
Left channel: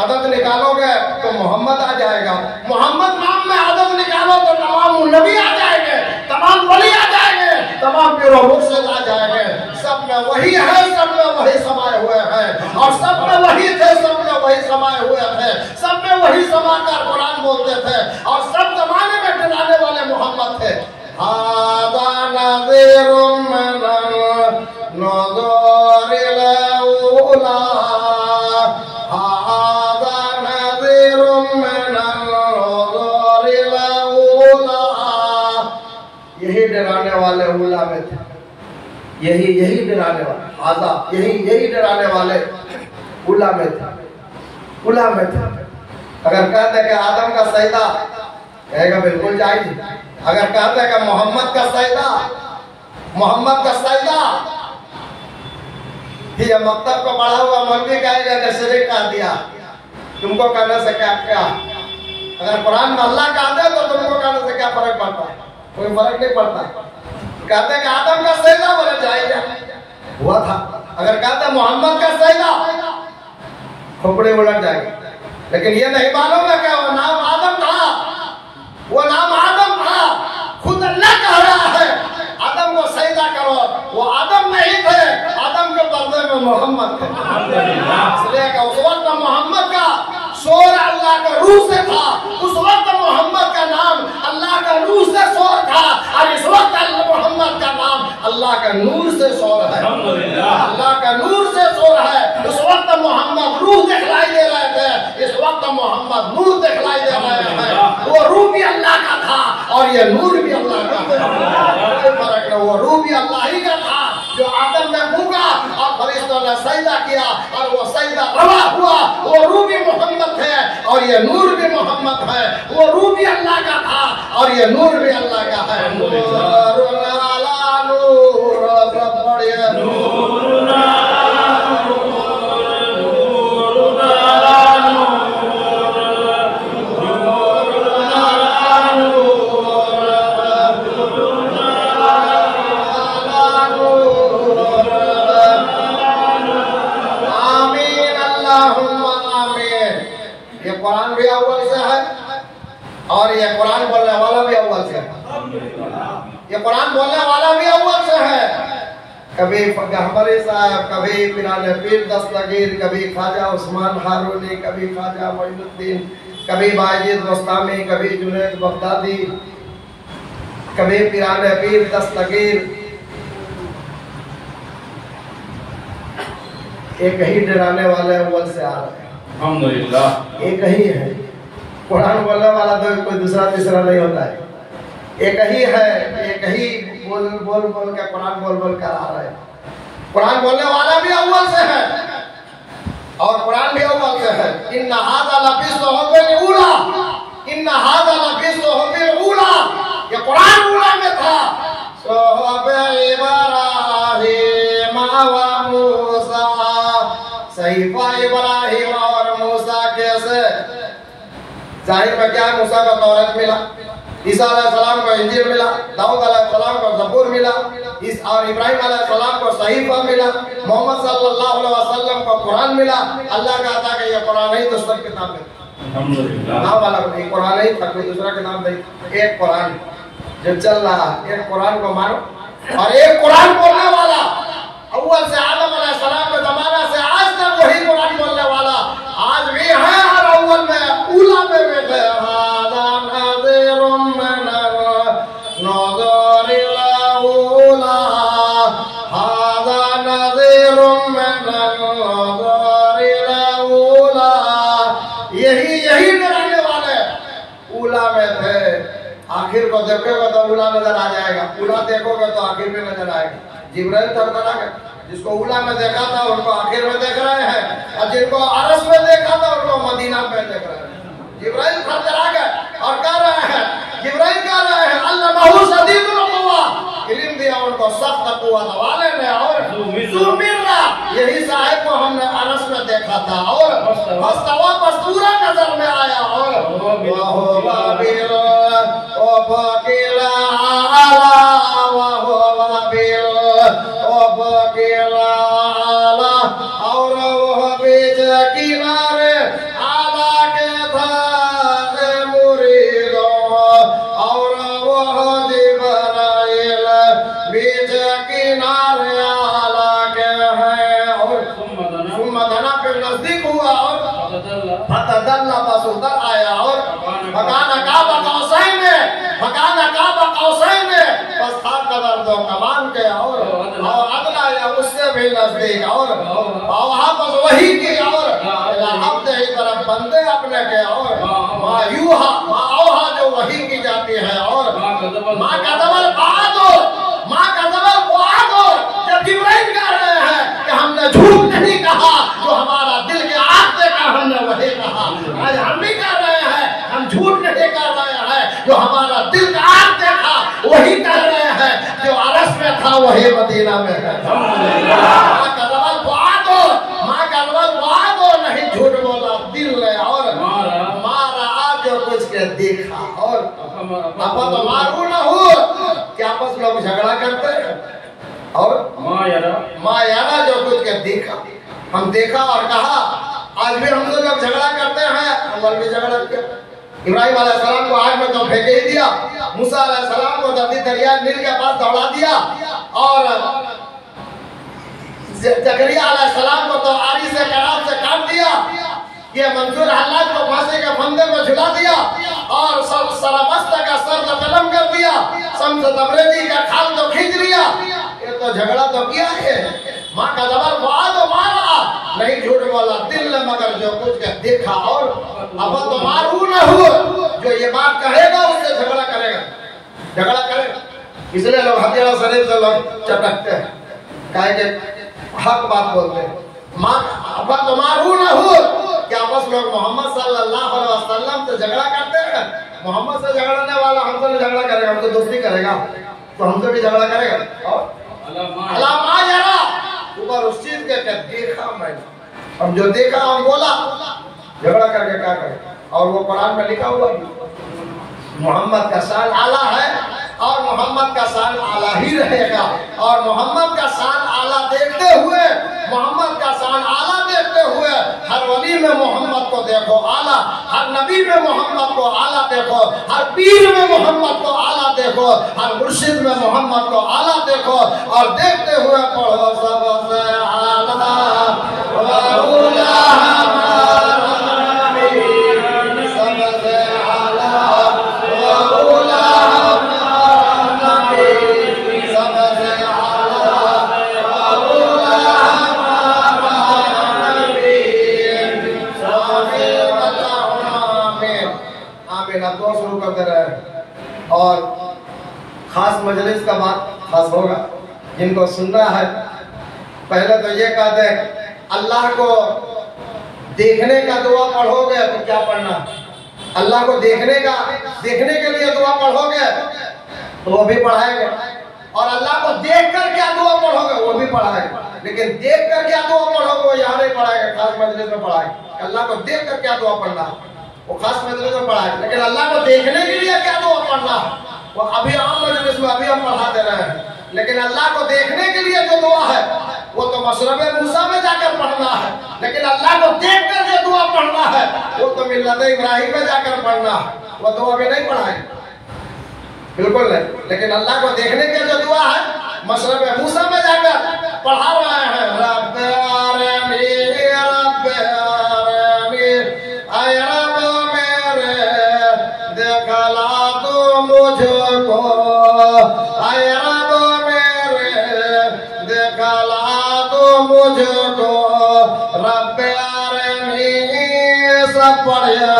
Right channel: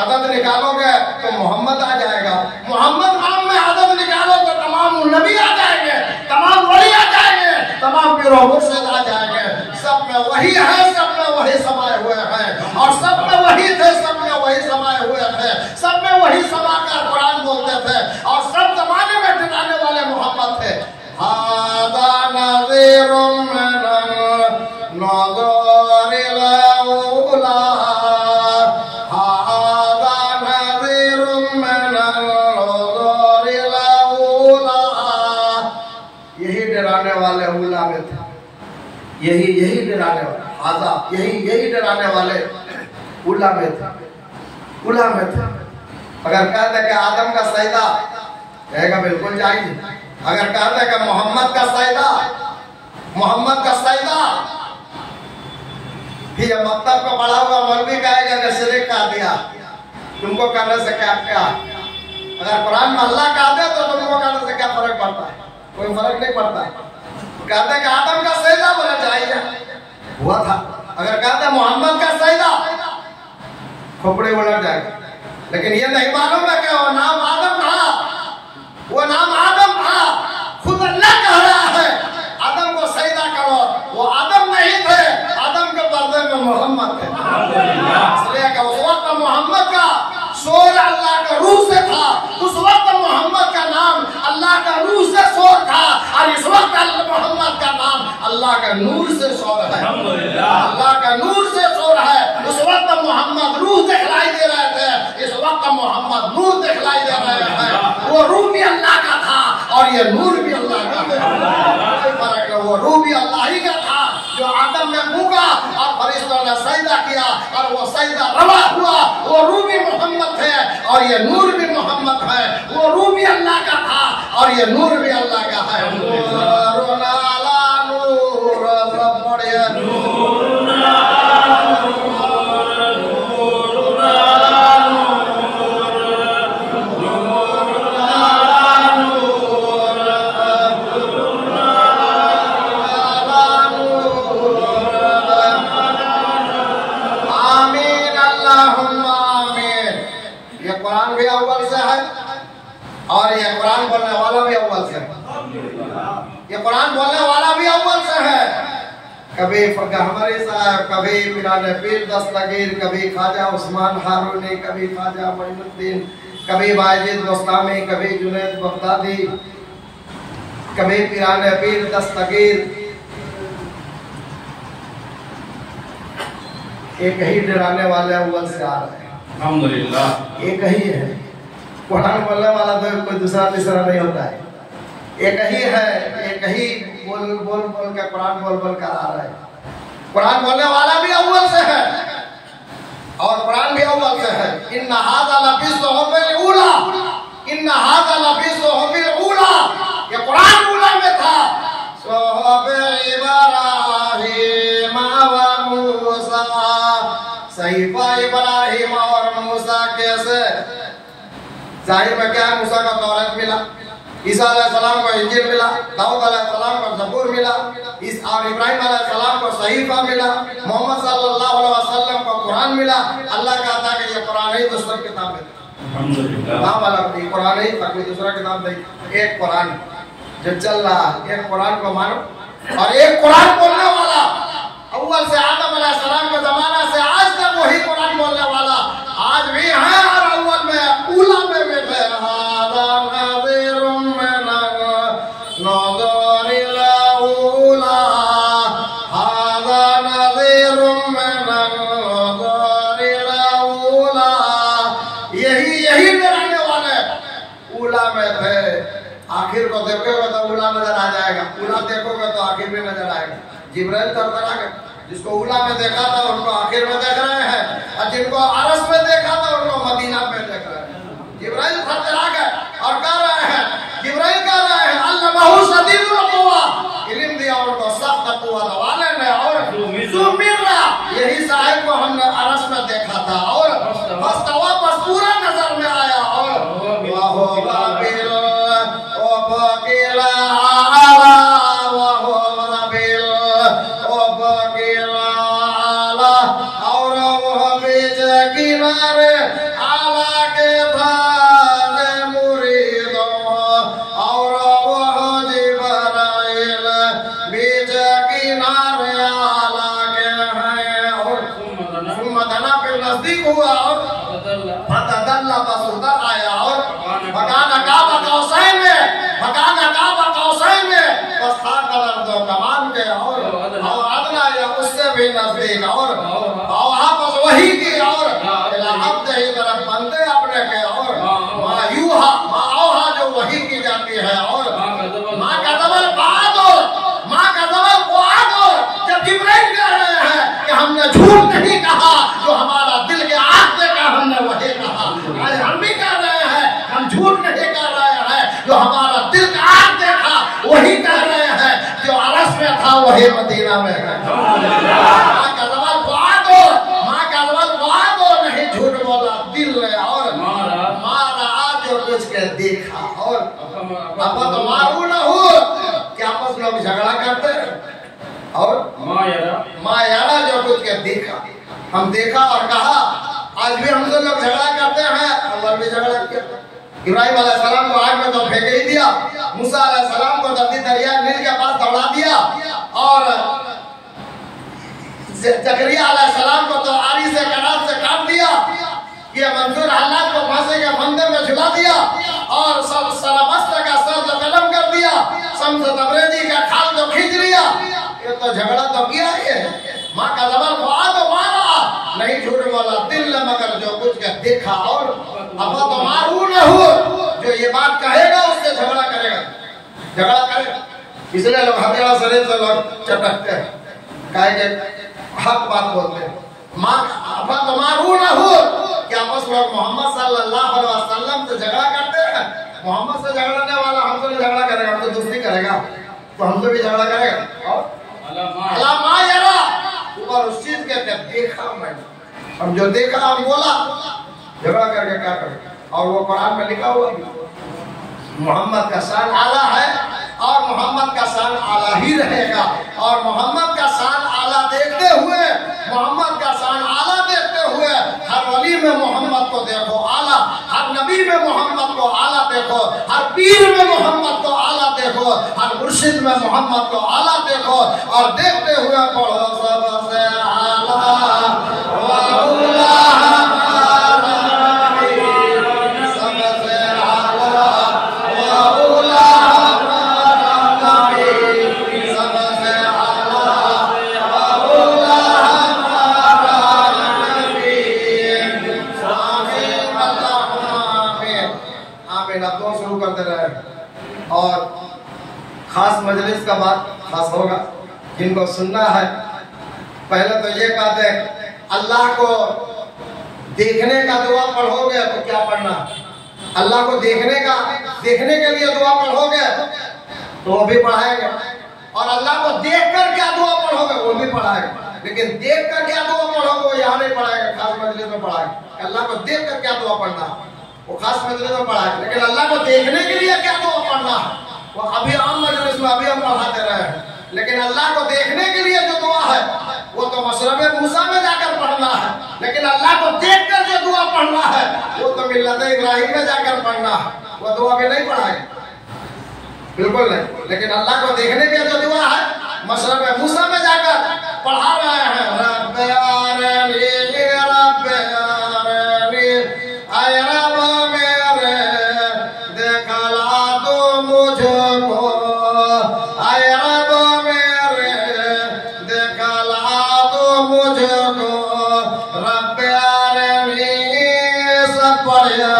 अदद निकालोगे तो मोहम्मद आ जाएगा। मोहम्मद नाम में अदद निकालो तो तमाम नबी आ जाएंगे, तमाम वली आ जाएंगे, तमाम पीरो मुर्शिद आ जाएंगे। सब में वही है, सब में वही समाये हुए हैं, और सब में वही थे, सब में वही समाये हुए थे, सब में वही समाकर कुरान बोलते थे, और सब जमाने में डराने वाले मोहम्मद थे। हाज़ा नज़ीरुम मिनन नज़रिल अऊला, हाज़ा नज़ीरुम मिनन नज़रिल अऊला। यही डराने वाले उला में थे, यही डराने वाले, हाज़ा यही डराने वाले उला में थे, उला में थे। अगर कहते कि आदम का सजदा, कहेगा बिल्कुल जायज। अगर कहते कि मोहम्मद का सजदा, मोहम्मद का सजदा, ये मकतब का पढ़ा हुआ मौलवी कहेगा कि शिरक कर दिया, तुमको करने से क्या क्या? अगर कुरान में अल्लाह कहते तो तुमको करने से क्या फर्क पड़ता है? कोई फर्क नहीं पड़ता। कहते कि आदम का सजदा, बोला जायज हुआ था। अगर कहते मोहम्मद का सजदा, खोपड़ी उलट जाएगी। लेकिन ये नहीं मालूम है कि वो नाम आदम था, वो नाम आदम था। खुद अल्लाह कह रहा है आदम को सजदा करो, वो आदम नहीं थे, आदम के पर्दे में मोहम्मद थे। इसलिए कि उस वक्त मोहम्मद का शोर अल्लाह का रूह से था, उस वक्त मोहम्मद का नाम अल्लाह का रूह से शोर था, और इस वक्त मोहम्मद का नाम अल्लाह का नूर से शोर है, अल्लाह का नूर से शोर है। इस वक्त मोहम्मद रूह दिखलाई दे रहे थे, इस वक्त मोहम्मद नूर दिखलाई दे रहे हैं। वो रूह भी अल्लाह का था और ये नूर भी अल्लाह का था, कोई फर्क नहीं। वो रूह भी अल्लाह ही का था जो आदम में फूंका और फरिश्तों ने सजदा किया, और वो सजदा रवा हुआ। वो रूह भी मोहम्मद है और ये नूर भी मोहम्मद है। वो रूह भी अल्लाह का था और ये नूर भी अल्लाह का है। कुरान भी अव्वल से है और ये कुरान बोलने वाला भी अव्वल से है। ये कुरान बोलने वाला भी अव्वल से है। कभी गहबरी साहब, कभी पिराने पीर दस्तगीर, कभी ख्वाजा उस्मान हारूनी, कभी ख्वाजा मोइनुद्दीन, कभी बायजीद मुस्तामी, कभी जुनैद बगदादी, कभी पिराने पीर दस्तगीर एक ही डराने वाले अव्वल से आ रहे हैं। अल्हम्दुलिल्लाह एक ही है। कुरान बोलने वाला तो कोई दूसरा तीसरा नहीं होता है, एक ही है। एक ही बोल बोल बोल के कुरान बोल बोल कर आ रहा है। कुरान बोलने वाला भी अव्वल से है और कुरान भी अव्वल से है। इन्ना हाज़ा लफ़ी सुहुफ़िल ऊला, इन्ना हाज़ा लफ़ी सुहुफ़िल ऊला, ये कुरान ऊला में था। सुहुफ़े इब्राहीम व मूसा, सहीफा इब्राहीम और मूसा कैसे? जाहिर में क्या है, मूसा को तौरात मिला, ईसा अलैहिस्सलाम को इंजील मिला, दाऊद अलैहिस्सलाम को ज़बूर मिला, और इब्राहिम अलैहिस्सलाम को सहीफा मिला, मोहम्मद सल्लल्लाहु अलैहि वसल्लम को कुरान मिला। अल्लाह का था कि ये कुरान ही दूसरा किताब है। अल्हम्दुलिल्लाह नाम वाला कोई कुरान ही था, कोई दूसरा किताब नहीं। एक कुरान जो चल रहा, एक कुरान को मानो और एक कुरान बोलने वाला अव्वल से आदम अलैहिस्सलाम के जमाना से आज तक वही कुरान बोलने वाला आज भी है और अव्वल में ऊला में बैठे। यही डराने वाले ऊला में थे। आखिर को देखोगे तो ऊला नजर आ जाएगा, ऊला देखोगे तो आखिर में नजर आएगा। जिब्राइल तरतरा गए, जिसको ऊला में देखा था उनको आखिर में देख रहे हैं, और जिनको अरस में देखा था उनको मदीना में देख रहे हैं। जिब्राइल तरतरा गए और कह रहे हैं, जिब्राइल कह रहे हैं अल्लाहु शदीदुल क़ुवा, इल्म दिया उनको सख्त कुव्वत वाले ने। और सुमिरना, यही साहिब को हमने अरस में देखा था और मस्तवा पूरा नजर में आया। और नजदीक और वहाँ पर वही की और तरफ बंदे अपने के और मायूहा जो वही की जाती है। और माँ का दबल जब जिब्राइल कह रहे हैं कि हमने झूठ नहीं कहा, जो हमारा दिल के आग देखा हमने वही कहा। आज हम भी कह रहे हैं हम झूठ नहीं कर रहे हैं, जो हमारा दिल का आग देखा वही कह रहे हैं, जो अरस में था वही मदीना में है। नहीं झूठ बोला दिल ने और मारा जो कुछ के देखा। और अब तो मारू ना हो कि आपस में लोग झगड़ा करते हैं और माँ यारा जो कुछ के देखा, हम देखा और कहा। आज भी हमसे लोग झगड़ा करते हैं, अव्वल भी झगड़ा किया। इब्राहिम अलैहिस्सलाम को आग में तो फेंक ही दिया, मूसा अलैहिस्सलाम को दरिया नील के पास दौड़ा दिया, और जकरिया अलैहिस्सलाम को तो आरी से करार से काट दिया, ये मंसूर हालात को फांसी के फंदे में झुला दिया, और सरमस्त का सर तो कलम कर दिया, शम्स तबरेज़ी का खाल तो खींच लिया। ये तो झगड़ा तो किया है। माँ का जबल तो मारा, नहीं झूठ बोला दिल ने मगर जो कुछ के देखा। और अब तो मारू न हो, जो ये बात कहेगा उससे झगड़ा करेगा। इसलिए लोग हथियार शरीर से लोग चटकते हैं, कहे के हक बात बोलते हैं। तो मारू न हो कि आपस में मोहम्मद सल्लल्लाहु अलैहि वसल्लम से झगड़ा करते हैं। मोहम्मद से झगड़ने वाला हमसे भी झगड़ा करेगा, हमसे दोस्ती करेगा तो हमसे भी झगड़ा करेगा। और अल्लाह यारा ऊपर उस चीज के देखा मैंने, हम जो देखा हम बोला, झगड़ा करके क्या करेगा। और वो कुरान में लिखा हुआ मोहम्मद का शान आला है और मोहम्मद का शान आला ही रहेगा। और मोहम्मद का शान आला देखते हुए, मोहम्मद का शान आला देखते हुए हर वली में मोहम्मद को देखो आला, हर नबी में मोहम्मद को आला देखो, हर पीर में मोहम्मद को आला देखो, हर मुर्शिद में मोहम्मद को आला देखो, और देखते हुए पढ़ो सबसे आला आमीन। आप दुआ शुरू करते रहे और खास मजलिस का बात खास होगा, जिनको सुनना है। पहले तो ये कहते हैं अल्लाह को देखने का दुआ पढ़ोगे तो क्या पढ़ना, अल्लाह को देखने के लिए दुआ पढ़ोगे तो वो भी पढ़ाएंगे, और अल्लाह को देख कर क्या दुआ पढ़ोगे वो भी पढ़ाएंगे। लेकिन देख कर क्या दुआ पढ़ोगे वो यहाँ नहीं पढ़ाएगा, खास मजलिस में पढ़ाएंगे। अल्लाह को देख कर क्या दुआ पढ़ना वो खास मजलिस में पढ़ाएंगे, लेकिन अल्लाह को देखने के लिए क्या दुआ पढ़ना वो अभी आम मजलिस में अभी हम पढ़ाते रहे हैं। लेकिन अल्लाह को देखने के लिए जो दुआ है वो तो मशरब मूसा में जाकर पढ़ना है, लेकिन अल्लाह को देख कर जो दुआ पढ़ना है वो तो मिल्लत इब्राहिम में जाकर पढ़ना है, वो दुआ भी नहीं पढ़ाएंगे, बिल्कुल नहीं। लेकिन अल्लाह को देखने के जो दुआ है मशरब मूसा में जाकर पढ़ा रहे हैं। रब्बे आरनी रब्बे आरनी आय रब मेरे देखला तू मुझको, आय रब मेरे देखला तू मुझको, रब्बे आरनी सब पढ़िया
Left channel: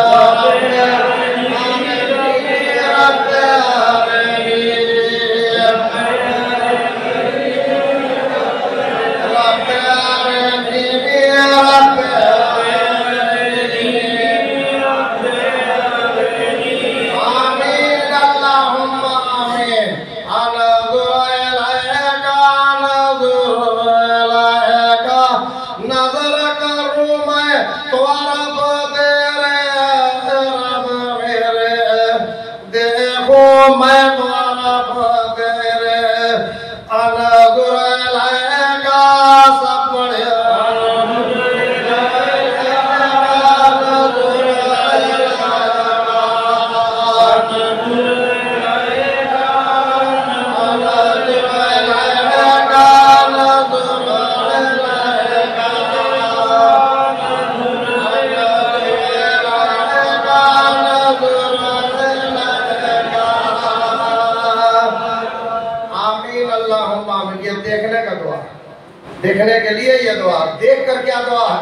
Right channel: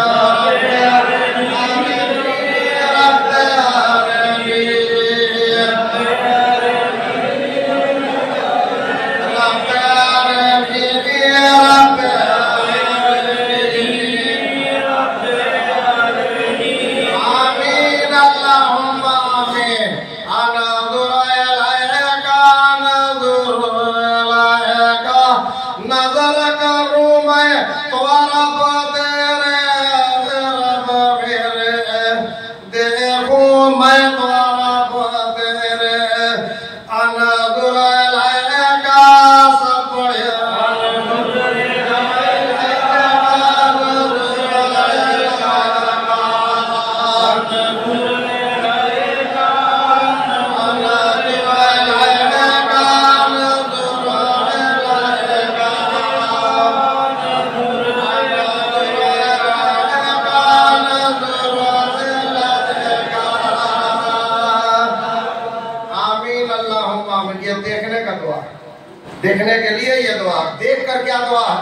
देखने के लिए ये दुआ, देख कर क्या दुआ है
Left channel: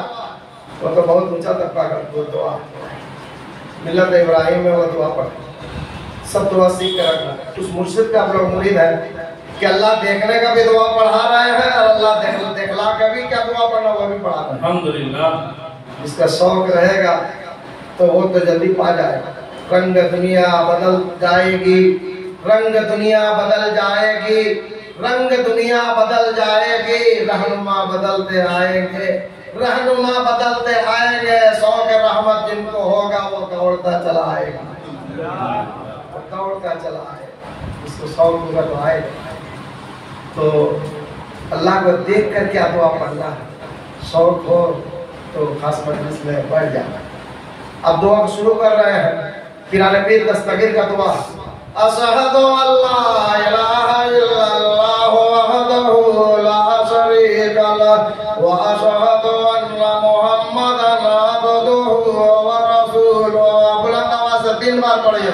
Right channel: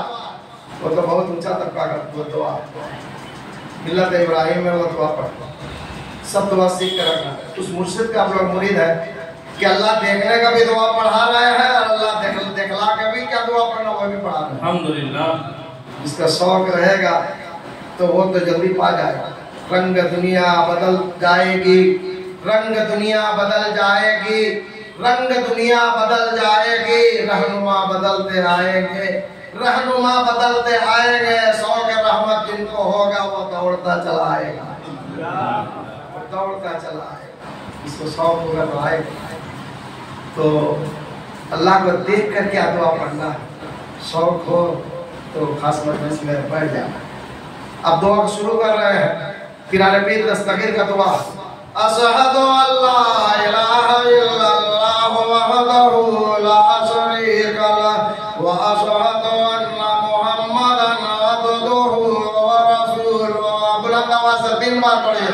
वो तो बहुत ऊंचा तबका का वो दुआ, मिल्लत इब्राहिम में वो दुआ पढ़ सब दुआ सीख कर रखना। उस मुर्शिद का आप लोग मुरीद है कि अल्लाह देखने का भी दुआ पढ़ा रहे हैं और अल्लाह देखला के भी क्या दुआ पढ़ना वो भी पढ़ा रहे हैं। अल्हम्दुलिल्लाह। जिसका शौक रहेगा तो वो तो जल्दी पा जाएगा। रंग दुनिया बदल जाएगी, रंग दुनिया बदल जाएगी, रंग दुनिया बदल जाएगी, रहनुमा बदलते आएंगे, रहनुमा बदलते आएंगे। शौक रहमत जिनको होगा वो दौड़ता चला आएगा, दौड़ता चला आएगा। इसको शौक होगा तो आएगा। तो अल्लाह को देख कर क्या दुआ पढ़ना है, शौक हो तो खास मजलिस में बैठ जाना। अब दुआ को शुरू कर रहे हैं। किराने पीर दस्तगीर का दुआ, अशहदु अल्ला इलाहा इल्लल्लाह वहदहु ला शरीका लहु व अशहदु अन्ना मुहम्मदन अब्दुहु व रसूलुहु। बुलंद आवाज से 3 बार पढ़िए।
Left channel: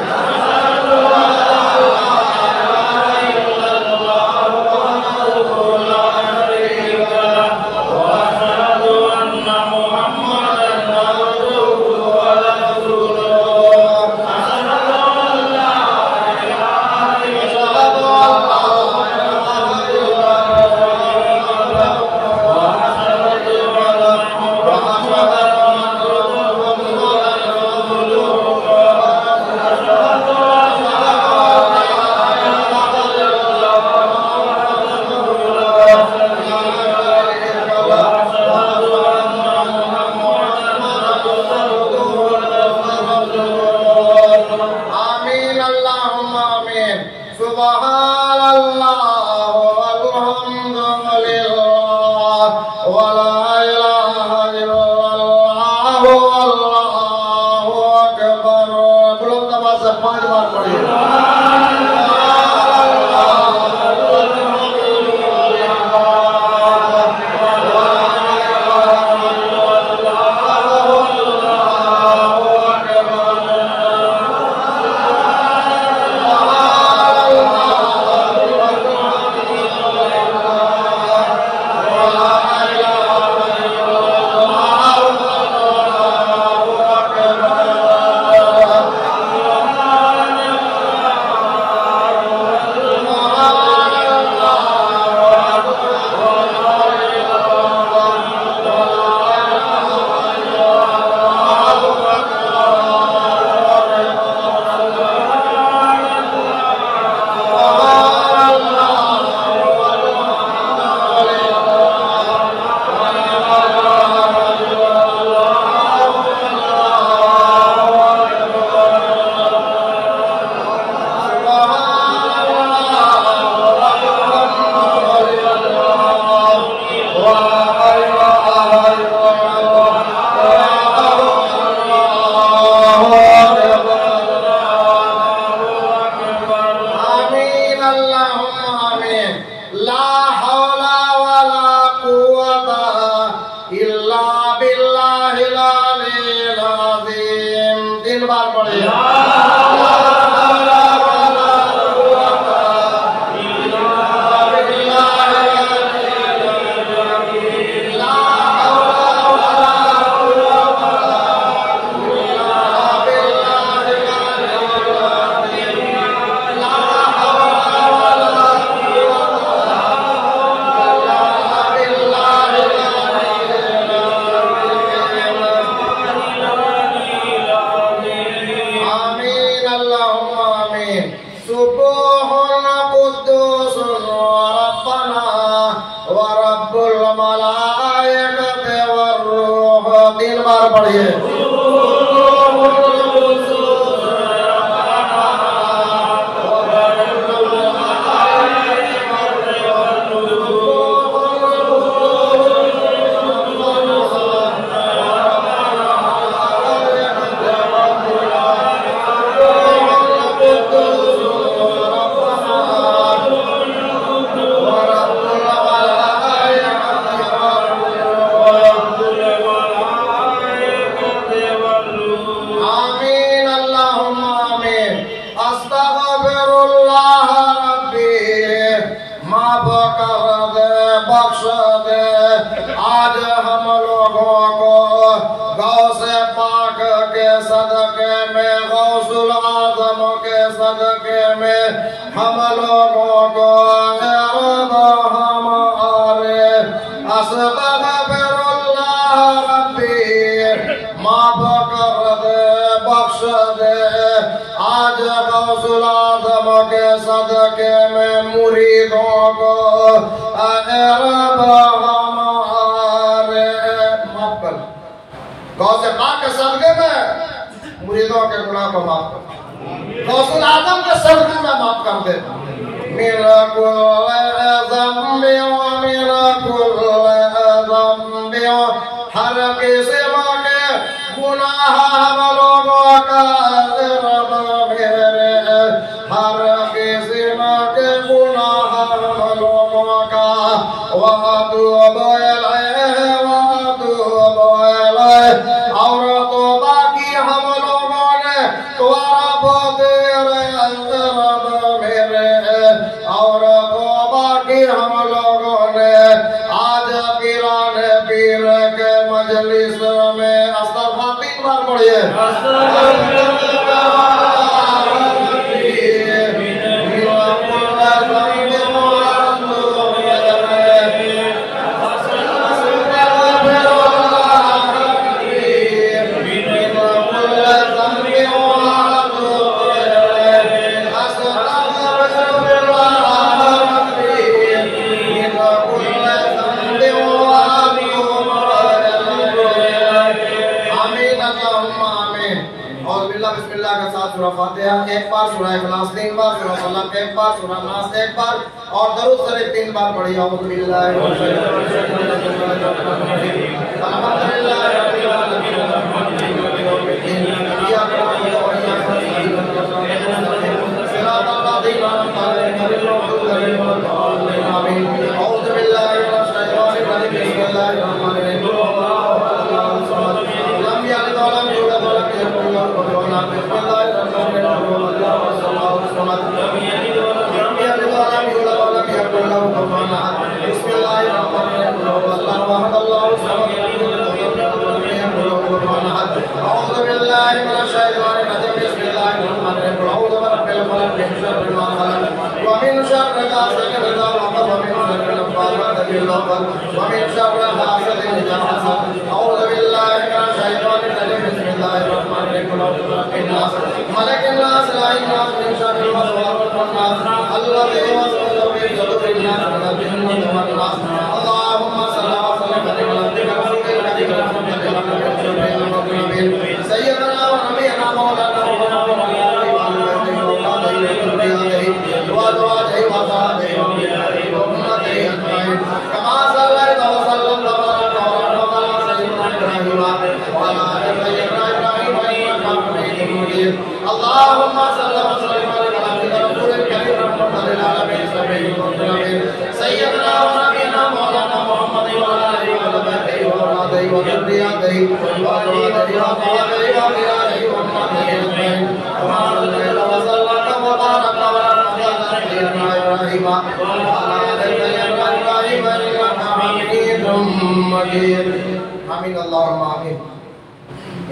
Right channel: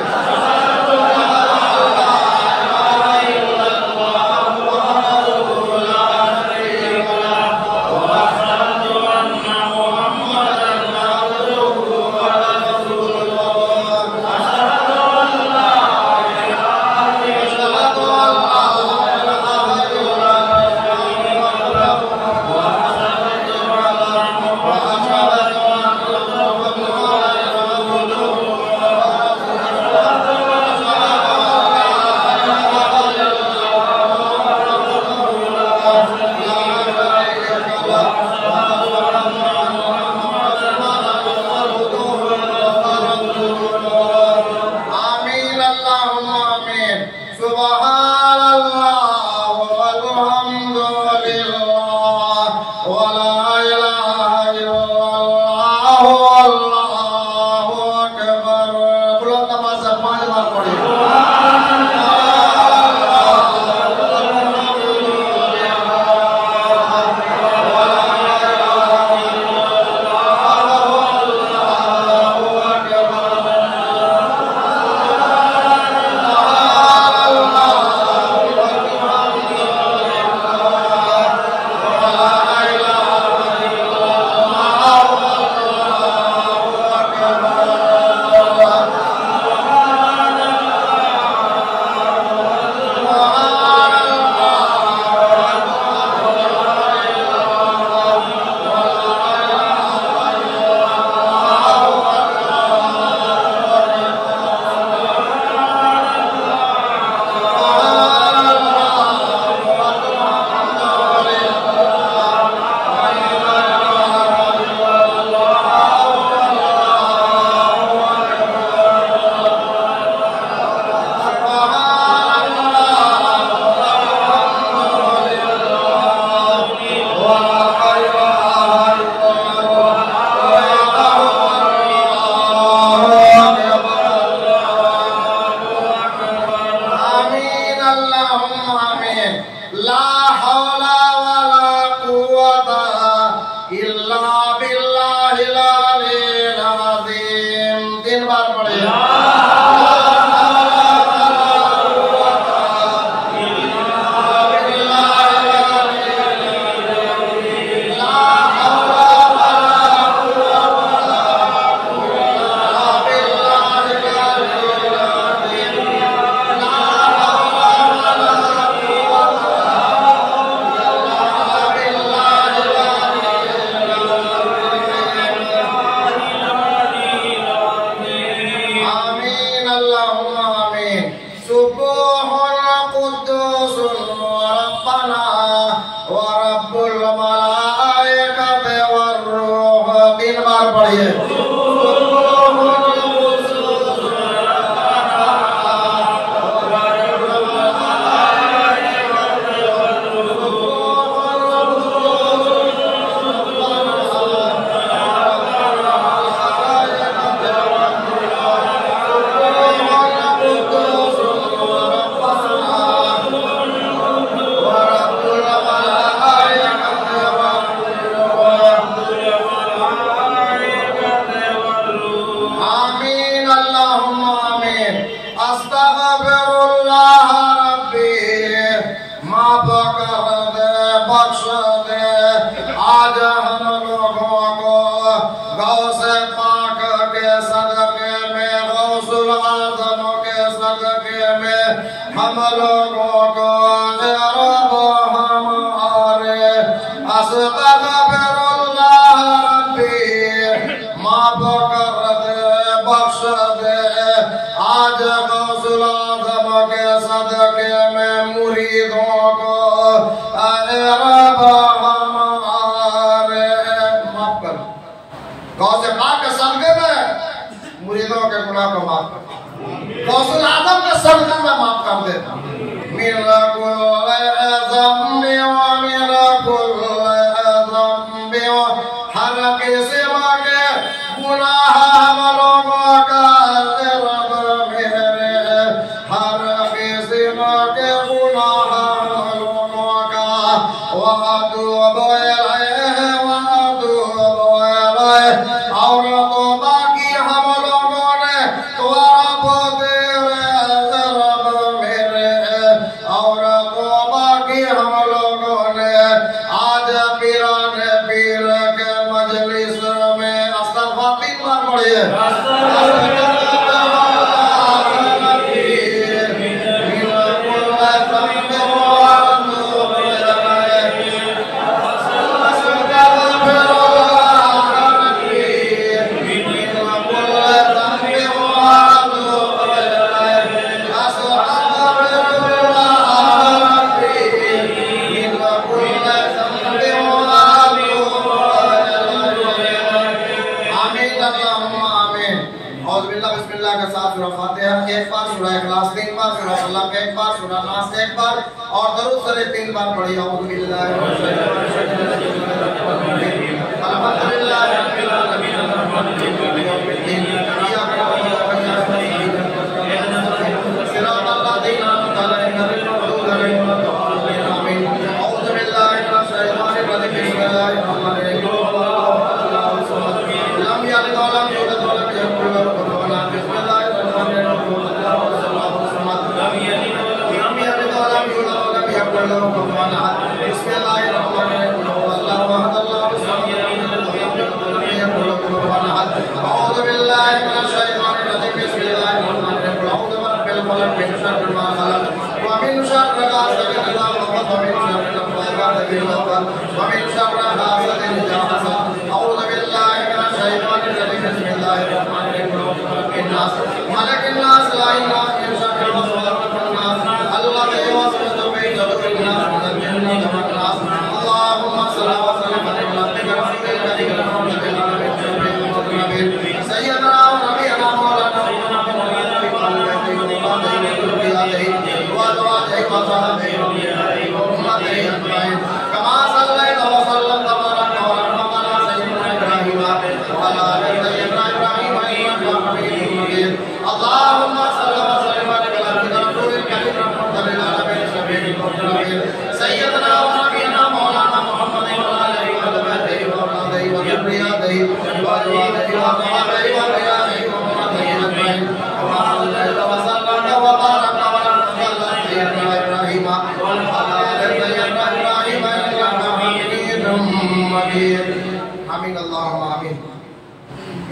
3 बार पढ़िए।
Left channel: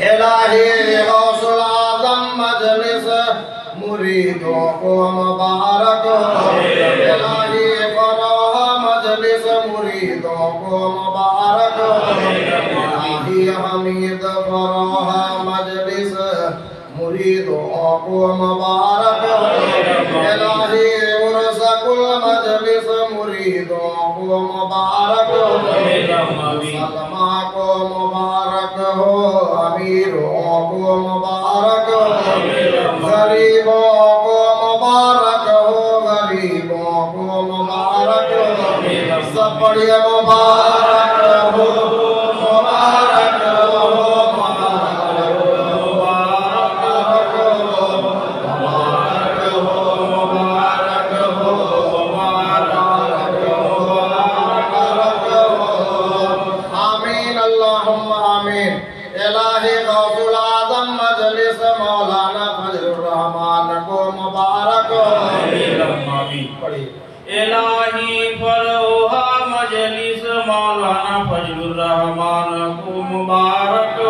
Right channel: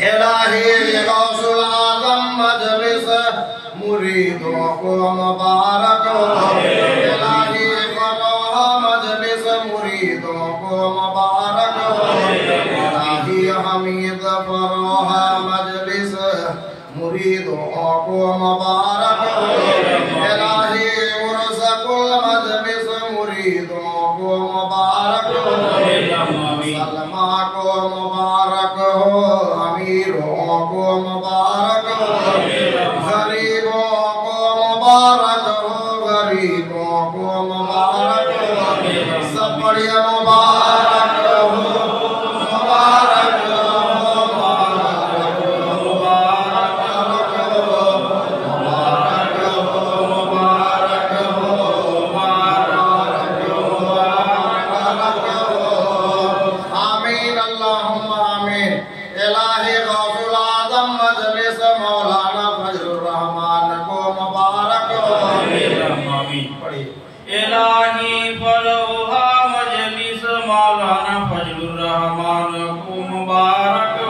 इलाही गौसुल आजम मजलिस मुरीदों को मुबारक हो। इलाही फराह मजलिस मुरीदों को मुबारक हो। इलाही हमीद फराह मजलिस मुरीदों को मुबारक हो। इलाही उर्सकुल मजलिस मुरीदों को मुबारक हो। सलमा को मुबारक हो, अमीरों को मुबारक हो, गरीबों को मुबारक हो, गरीबों को मुबारक हो, सब बढ़िया मुबारक हो, मुबारक हो, मुबारक हो, मुबारक हो, मुबारक हो, मुबारक हो, मुबारक हो, मुबारक हो। आमीन अल्लाहुम्मा आमीन। इलाही गौसुल आजम मजलिस मौलाना फजलुर रहमान को मुबारक हो। इलाही फरोहा मजलिस मौलाना फजलुर रहमान को मुबारक हो।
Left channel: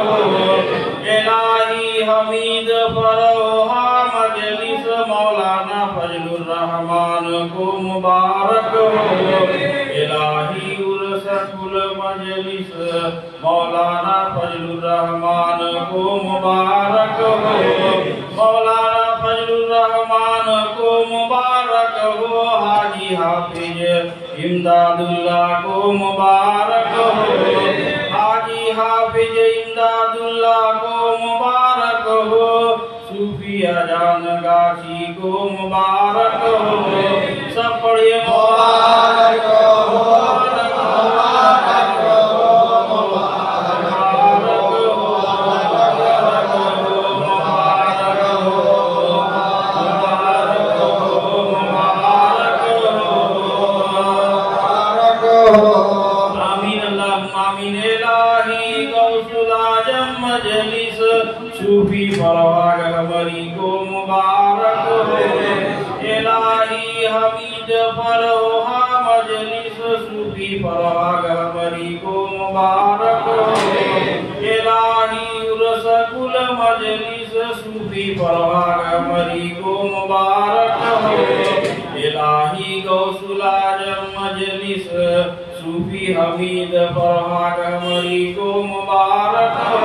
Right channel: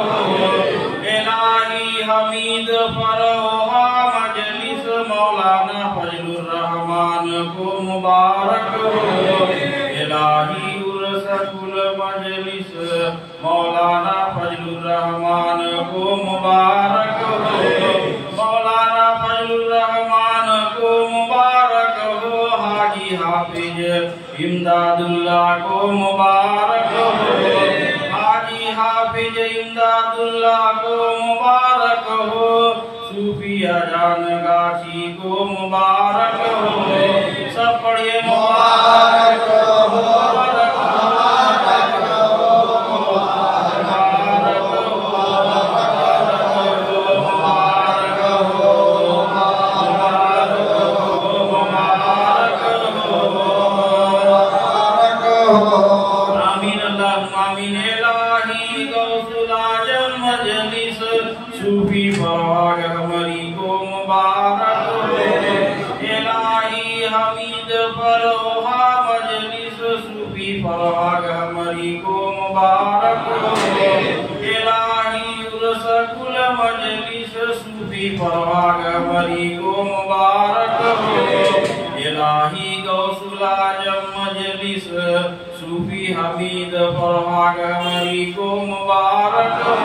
इलाही हमीद फरोहा मजलिस मौलाना फजलुर रहमान को मुबारक हो। इलाही उर्सकुल मजलिस मौलाना फजलुर रहमान को मुबारक हो। मौलाना फजलुर रहमान को मुबारक हो। हाजी हाफिज इमदादुल्लाह को मुबारक हो। हाजी हाफिज इमदादुल्लाह को मुबारक हो। सूफिया जान गाछी को मुबारक हो। सब पढ़िए मुबारक हो, मुबारक हो, मुबारक हो, मुबारक हो, मुबारक हो, मुबारक हो, मुबारक हो। आमीन अल्लाहुम्मा आमीन। इलाही गौसुल आजम मजलिस सूफी फराग हमरी को मुबारक हो। इलाही हमीद फरोहा मजलिस सूफी फराग हमरी को मुबारक हो। इलाही उर्सकुल मजलिस सूफी फराग हमरी को मुबारक हो। इलाही गौसुल आजम मजलिस सूफी हमीद फराग हमरी को मुबारक हो।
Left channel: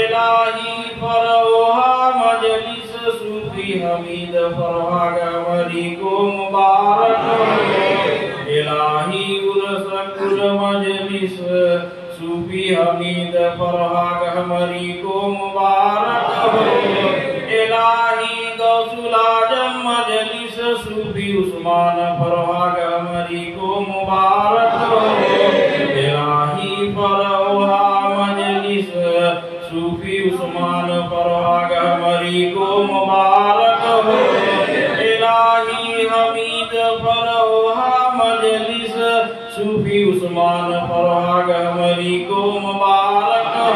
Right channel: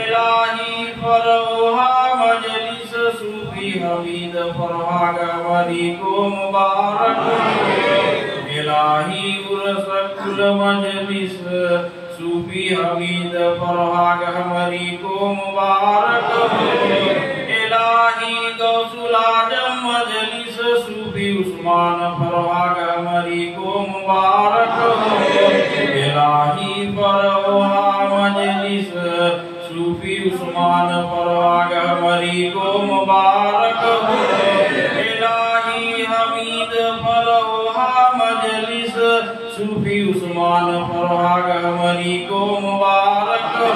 इलाही फरोहा मजलिस सूफी हमीद फराग हमरी को मुबारक हो। इलाही उर्सकुल मजलिस सूफी हमीद फराग हमरी को मुबारक हो। इलाही गौसुल आजम मजलिस सूफी उस्मान फराग हमरी को मुबारक हो। इलाही फरोहा मजलिस सूफी उस्मान फराग हमरी को मुबारक हो। इलाही हमीद फरोहा मजलिस सूफी उस्मान फराग हमरी को मुबारक हो।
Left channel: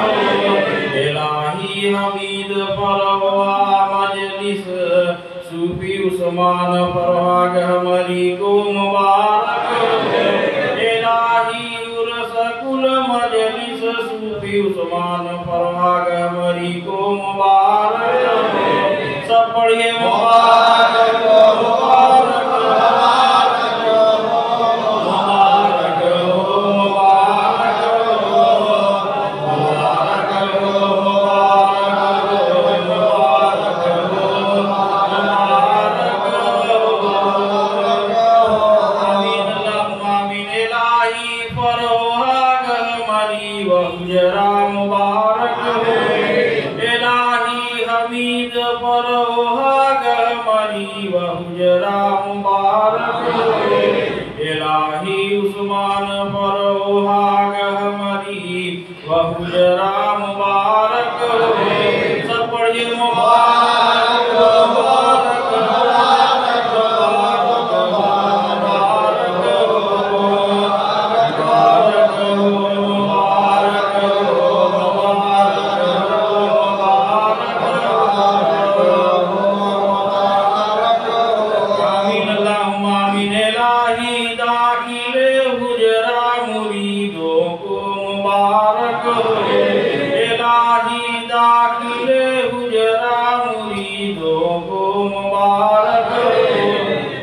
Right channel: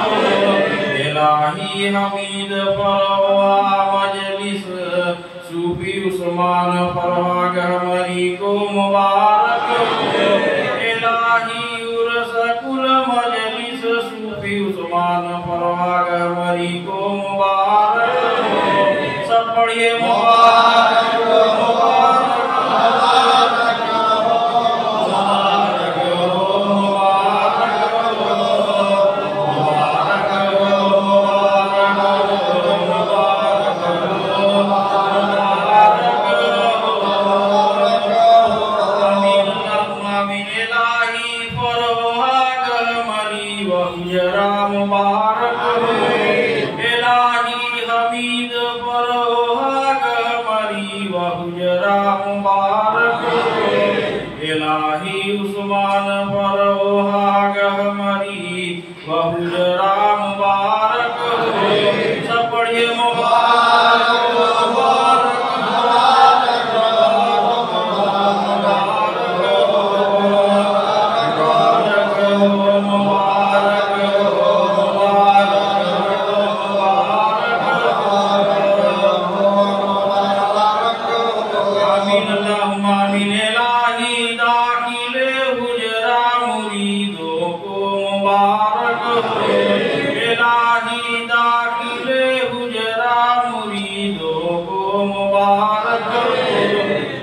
इलाही हमीद फरोहा मजलिस सूफी उस्मान फराग हमरी को मुबारक हो। इलाही उर्सकुल मजलिस सूफी उस्मान फराग हमरी को मुबारक हो। सब पढ़िए मुबारक हो, मुबारक हो, मुबारक हो, मुबारक हो, मुबारक हो, मुबारक हो, मुबारक हो, मुबारक हो। आमीन अल्लाहुम्मा आमीन। इलाही फरोहा हमरी व उजरा मुबारक हो। इलाही दाखिले गुजरा मुरीदों को मुबारक हो,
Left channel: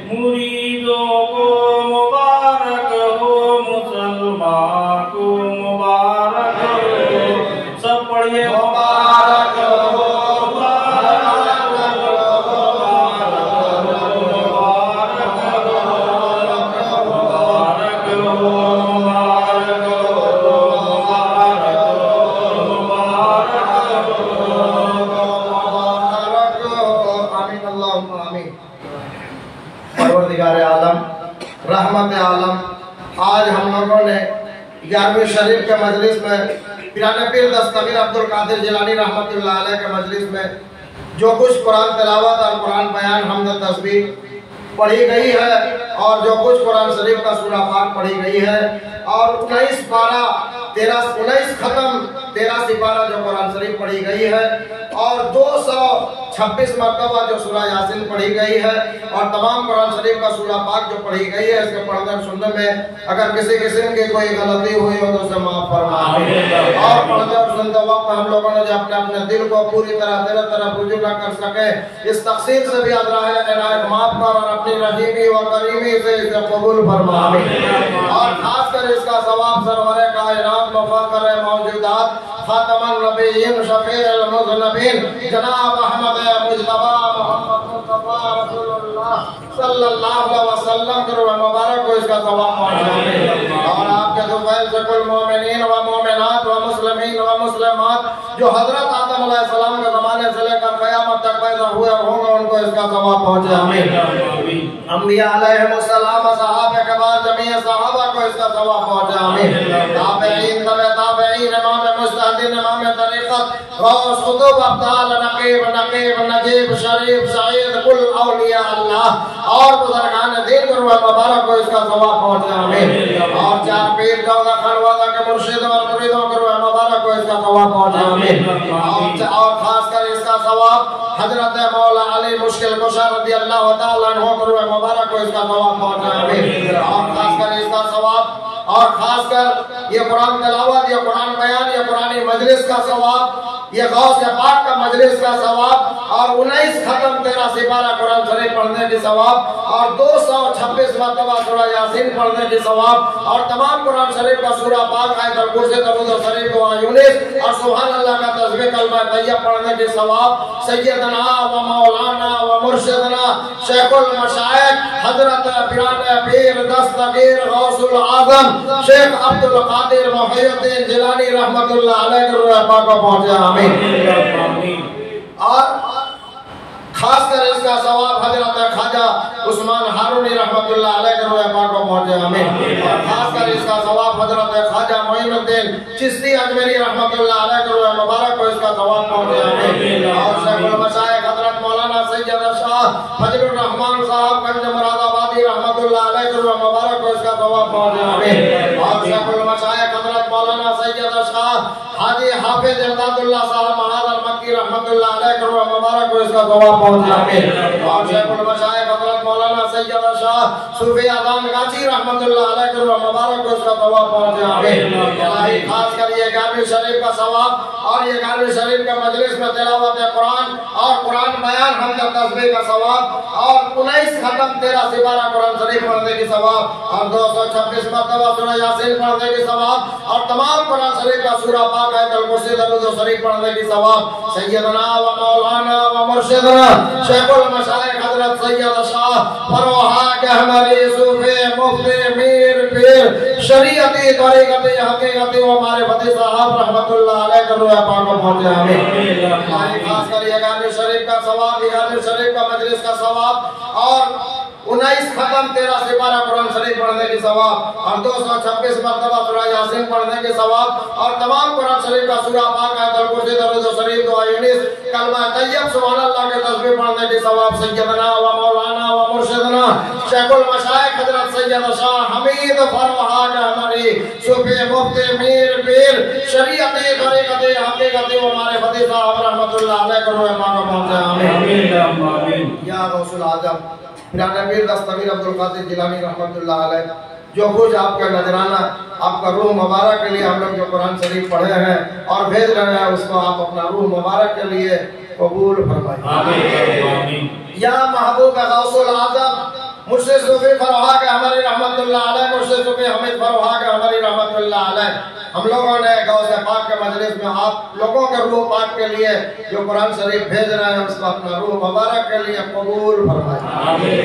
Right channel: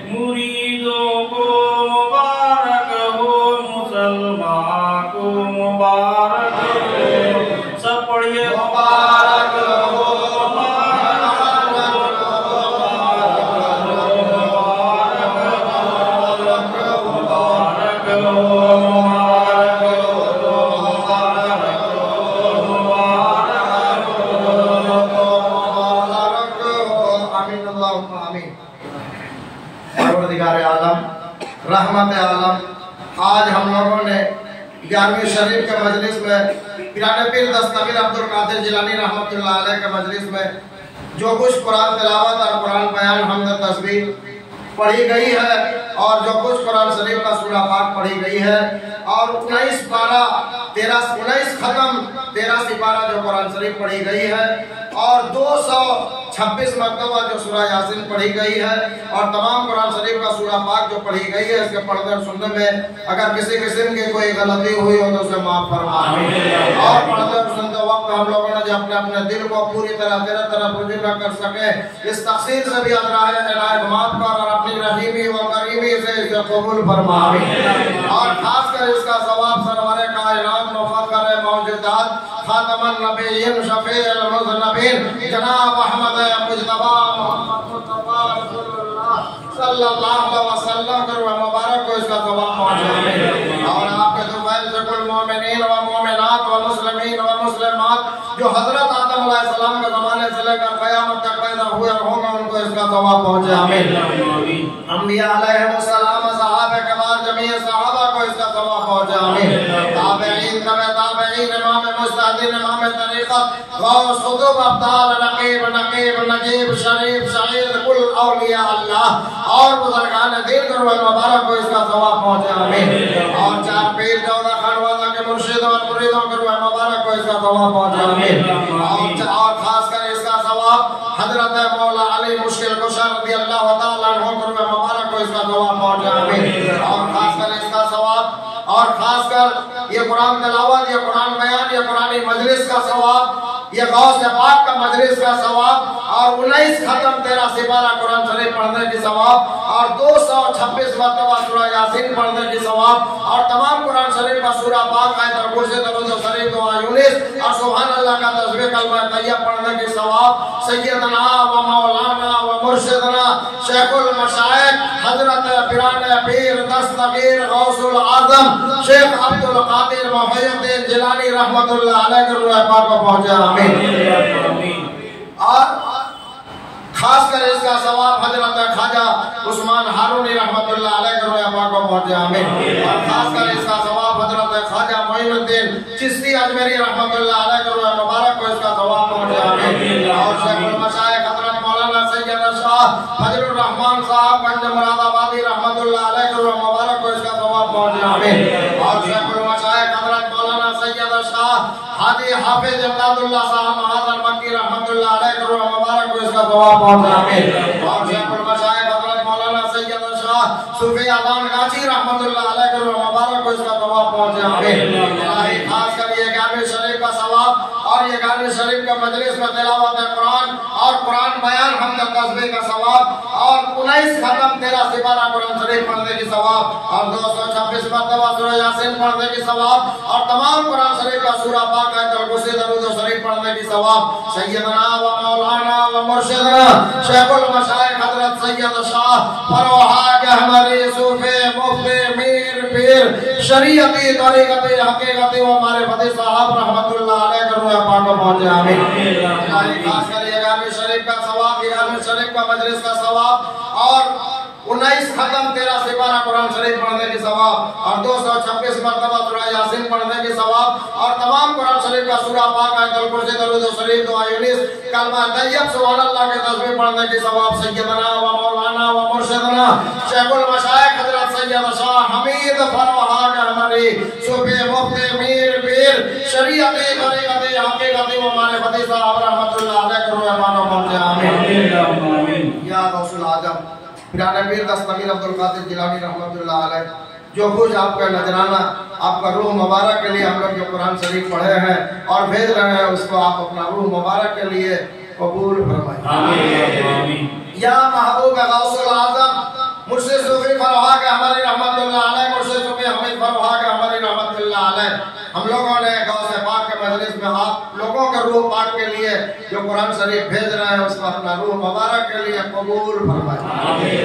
मुरीदों को मुबारक हो, मुसलमान को मुबारक हो। सब पढ़िए मुबारक हो, रहमत आलम। आज हम लोगों ने 11वीं शरीफ के मजलिस में पिराने पीर दस्तगीर अब्दुल कादिर जिलानी रहमतुल्लाह अलैह के मजलिस में जो कुछ कुरान तिलावत और कुरान बयान हमद तस्बीह पढ़ी गई है और जो कुछ कुरान शरीफ का सूरा पाक पढ़ी गई है और 19 पारा 19 खत्म 13 सिपारा जो कुरान शरीफ पढ़ी गई है और 226 मरतबा जो सूरा यासीन पढ़ी गई है और तमाम कुरान शरीफ का सूरा पाक जो पढ़ी गई है इसके पढ़ने सुनने में अगर किसी किस्म की कोई गलती हुई हो तो उसे माफ फरमाए। और पढ़ते सुनते वक्त हम लोगों ने जो अपने अपने दिल को पूरी तरह तेरे तरफ रुजू न कर सके इस तकसीर से भी इनायत माफ कर और अपनी रहीमी व करीमी से इसे कबूल फरमाए। और खासकर इसका सवाब सरवरे कायनात मुफक्कर मौजूदात खातमन नबीय्यीन शफीउल मुज़नबीन जनाब अहमद मुज्तबा मोहम्मद मुस्तफा रसूलुल्लाह सल्लल्लाहु अलैहि वसल्लम करो मुबारक को इसका सवाब पहुंचे। और आपके दुआएं से कुल मोमिनीन व मोमिनात व मुस्लिमीन व मुस्लिमात जो हजरत आदम अलैहिस्सलाम के जमाने से लेकर क़यामत तक पैदा हुए और होंगे उनको इसका सवाब पहुंचे। आमीन। अंबिया अलैहिस्सलाम सहाबा कबार जमीय सहाबा को इसका सवाब पहुंचे। आमीन। ताबईन तबे ताबईन इमाम मुजतहिदीन इमाम तरीक़त गौस कुतुब अब्दाल नकीब नजीब शरीफ सईद कुल औलिया अल्लाह और बुजुर्गान दीन को मुबारक को इसका सवाब पहुंचे। आमीन। और चार पीर चौदह खानवादा के मुर्शिद और मुरीदों को मुबारक को इसका सवाब पहुंचे। आमीन। और खासकर इसका सवाब हजरत मौला अली मुश्किल कुशा रज़ियल्लाहु तआला अन्हु को मुबारक को इसका सवाब पहुंचे। आमीन। और खासकर इसका सवाब और खासकर ये कुरान तिलावत ये कुरान बयान ये कुरानी मजलिस का सवाब ये गौस पाक का मजलिस का सवाब और 19 खत्म 13 सिपारा कुरान शरीफ पढ़ने की सवाब और 226 मरतबा सूरा यासीन पढ़ने की सवाब और तमाम कुरान शरीफ का सूरा पाक आयतुल कुर्सी दरूद शरीफ दुआ यूनिस और सुभान अल्लाह का तस्बीह कलमा तैयब पढ़ने की सवाब सैयदना व मौलाना व मुर्शिदना शेखुल मशाइख हजरत पिराने पीर दस्तगीर गौसुल आजम शेख अब्दुल कादिर मोहिउद्दीन जिलानी रहमतुल्लाह अलैह के रूह पाक को पहुंचे। आमीन। और खासकर इसका सवाब हजरत ख्वाजा उस्मान हारूनी रहमतुल्लाह अलैह के रूह पाक को पहुंचे। आमीन। और खासकर इसका सवाब हजरत ख्वाजा मोइनुद्दीन चिश्ती अजमेरी रहमतुल्लाह अलैह के रूह मुबारक को इसका सवाब पहुंचे। आमीन। और शेखुल मशाइख हजरत मौलाना सैयद शाह फजलुर रहमान साहब गंज मुरादाबादी रहमतुल्लाह अलैह के रूह मुबारक को इसका सवाब पहुंचे। आमीन। और शेखुल मशाइख हजरत मौलाना सैयद शाह हाजी हाफिज इमदादुल्लाह साहब महाजन मक्की रहमतुल्लाह अलैह के रूह मुबारक को इसका सवाब पहुंचे। आमीन। और शेखुल मशाइख हजरत मौलाना सैयद शाह सूफी आज़ान गाजी रहमतुल्लाह अलैह के रूह मुबारक को इसका सवाब पहुंचे। आमीन। खास कर ये 11वीं शरीफ का सवाब और ये 11वीं शरीफ के मजलिस में तिलावत कुरान और कुरान बयान हमद तस्बीह का सवाब और 19 खत्म 13 सिपारा कुरान शरीफ पढ़ने की सवाब और 226 मरतबा सूरा यासीन पढ़ने की सवाब और तमाम कुरान शरीफ का सूरा पाक आयतुल कुर्सी दरूद शरीफ पढ़ने की सवाब सैयदना व मौलाना व मुर्शिदना शेखुल मशाइख हजरत सैयद शाह फरोहा गहमरी सूफी मुफ्ती मीर पीर शरीयती तरीक़ती हकीकती व मारिफती साहब रहमतुल्लाह अलैह के रूह पाक को पहुंचे। आमीन। खास कर ये 11वीं शरीफ का सवाब 11वीं शरीफ का मजलिस का सवाब और 19 खत्म 13 सिपारा कुरान शरीफ पढ़ने की सवाब और 226 मरतबा सूरा यासीन पढ़ने की सवाब और तमाम कुरान शरीफ का सूरा पाक आयतुल कुर्सी दरूद शरीफ दुआ यूनिस कलमा तैयब सुभान अल्लाह के तस्बीह पढ़ने की सवाब सैयदना व मौलाना व मुर्शिदना शेखुल मशाइख हजरत सैयद शाह हमीद फरोहा गहमरी सूफी मुफ्ती मीर पीर शरीयती तरीक़ती हकीकती व मारिफती साहब रहमतुल्लाह अलैह के रूह पाक को पहुंचे। आमीन। या गौसुल आजम पिराने पीर दस्तगीर अब्दुल कादिर जिलानी रहमतुल्लाह अलैह जो कुछ आपका नजराना आपका रूह मुबारक के लिए हम लोग जो कुरान शरीफ पढ़े हैं और भेज रहे हैं उसको आप अपना रूह मुबारक के लिए कबूल फरमाइए। आमीन। या महबूब गौसुल आजम मुर्शिद सूफी फरहा के हमारी रहमतुल्लाह अलैह, मुर्शिद सूफी हमीद फरहा के हमारी रहमतुल्लाह अलैह, हम लोगों ने गौसे पाक के मजलिस में आप लोगों के रूह पाक के लिए जो कुरान शरीफ भेज रहे हैं उसको अपना रूह मुबारक के लिए कबूल फरमाए। आमीन।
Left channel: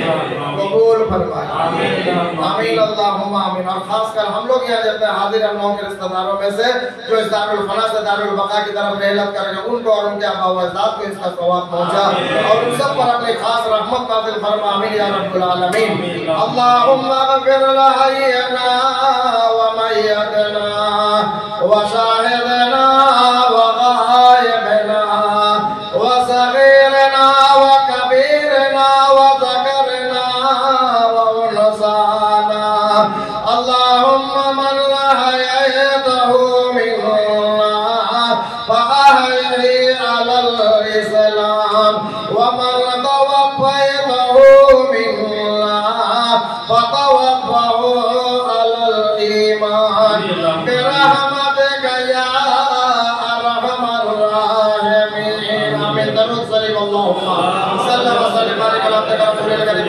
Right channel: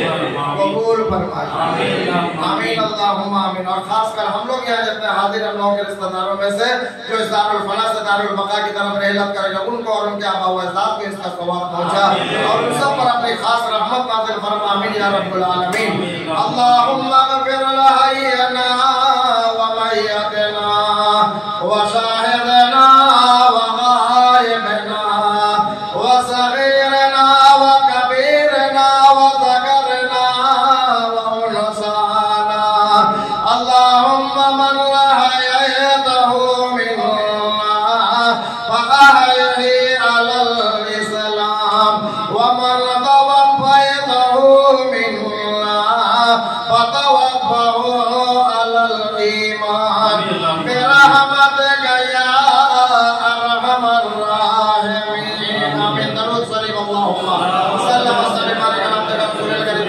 कबूल फरमाए। आमीन। आमीन अल्लाहुम्मा आमीन। और खासकर हम लोग यहाँ जितने हाजिर हम लोगों के रिश्तेदारों में से जो इस दारुल फना से दारुल बका की तरफ रहलत करेंगे उनको और उनके आबा व अजदाद को इसका सवाब पहुंचा और उन सब पर अपनी खास रहमत नाज़िल फरमा। आमीन या रब्बुल आलमीन। अल्लाहुम्मा ग़फिर लना व मय्यतना व शाहिदना व गायबना व सगीरना व कबीरना व ज़करना व उनसाना। अल्लाहुम्मा मन अहयतहु मिन्ना फअहयिही अलल इस्लाम व मन तवफ़यतहु मिन्ना फतवफ़्फ़हु अलल ईमान बिरहमतिका या अरहमर राहिमीन। आमीन। दरूद शरीफ अल्लाहुम्मा सल्ली व सल्लिम अला रसूलिल करीम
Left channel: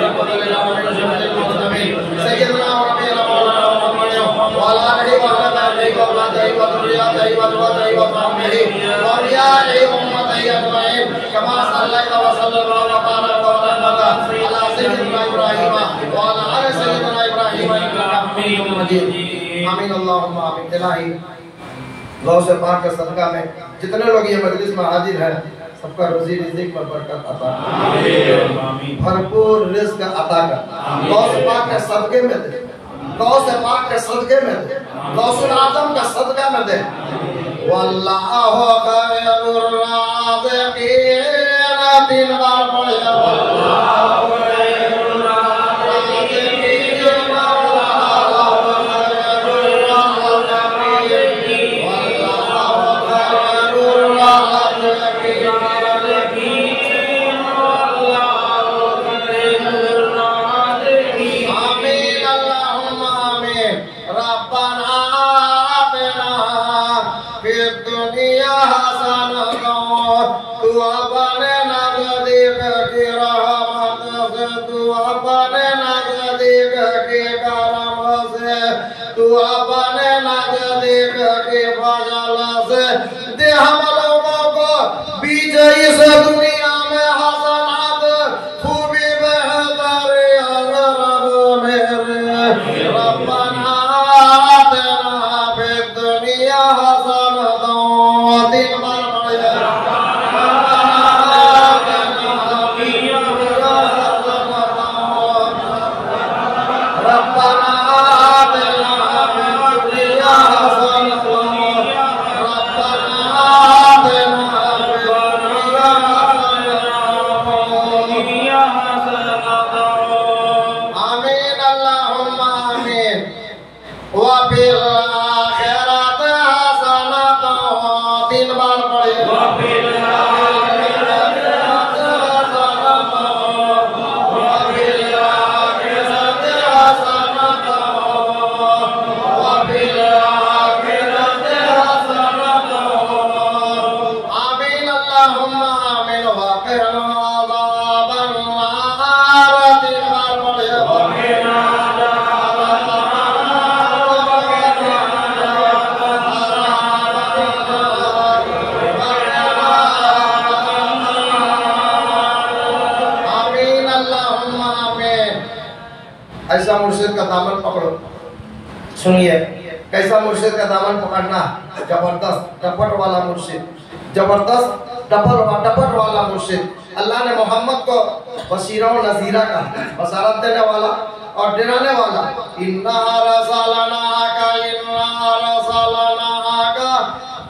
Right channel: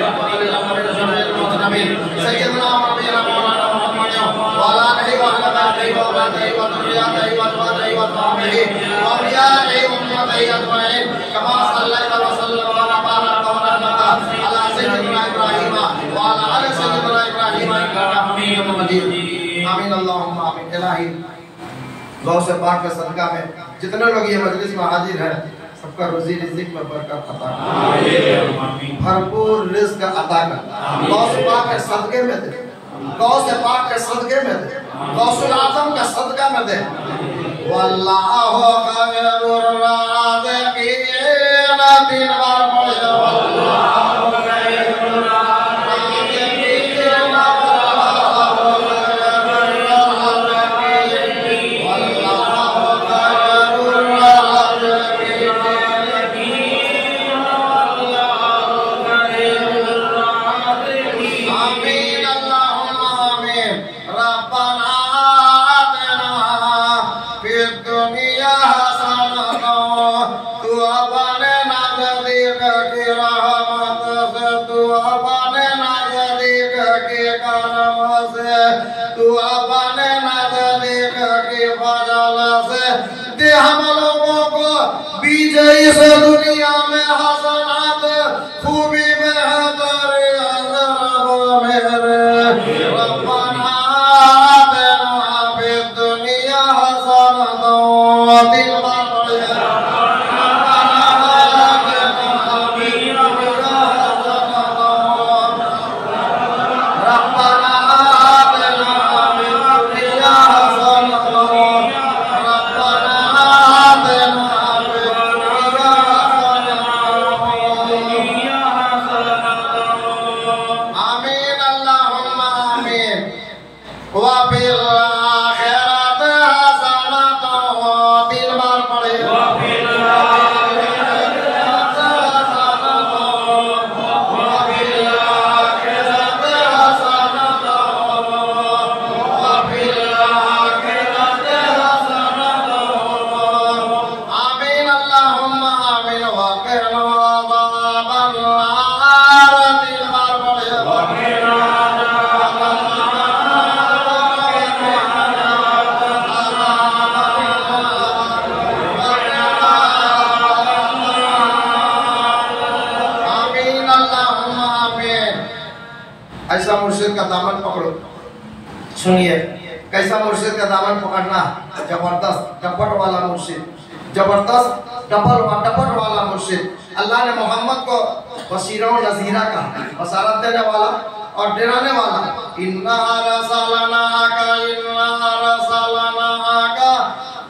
सय्यदना व नबीना मौलाना मुहम्मद व अला आलिहि व असहाबिहि व औलादिहि व ज़ुर्रिय्यतिहि व ज़ुर्रिय्यतिहि व सहबिहि व औलियाइहि व उम्मतिहि अजमईन कमा सल्लैता व सल्लमता व बारकता व रहमता अला सय्यिदिना इब्राहीम व अला आलि सय्यिदिना इब्राहीम इन्नका हमीदुम मजीद। आमीन अल्लाहुम्मा आमीन। इलाही गौसे पाक के सदका में जितने लोग ये मजलिस में हाजिर हैं सबका रोजी रिज़्क़ में बरकत अता आमीन। भरपूर रिज़्क़ अता कर गौसे पाक के सदके में दे, गौसे पाक के सदके में दे, गौसुल आज़म का सदका में दे। वल्लाहु खैरुर राज़िक़ीन। 3 बार पढ़े वल्लाहु खैरुर राज़िक़ीन। हम लोगों को बीजे इस दुनिया में हसनात खूबी बेहतर रब मेरे रब्बना आतिना फिद दुनिया हसनतन। 3 बार पढ़िए रब्बना आतिना फिद दुनिया हसनतन। ऐसा मुर्शिद का दामन पकड़ो। सुनिए कैसा मुर्शिद का दामन पकड़ना, जबरदस्त डपट वाला मुर्शिद, जबरदस्त डपट वाला मुर्शिद। अल्लाह ने मोहम्मद को बशीरा और नज़ीरा का बशारत देने वाला और डराने वाला। इन्ना रसलना का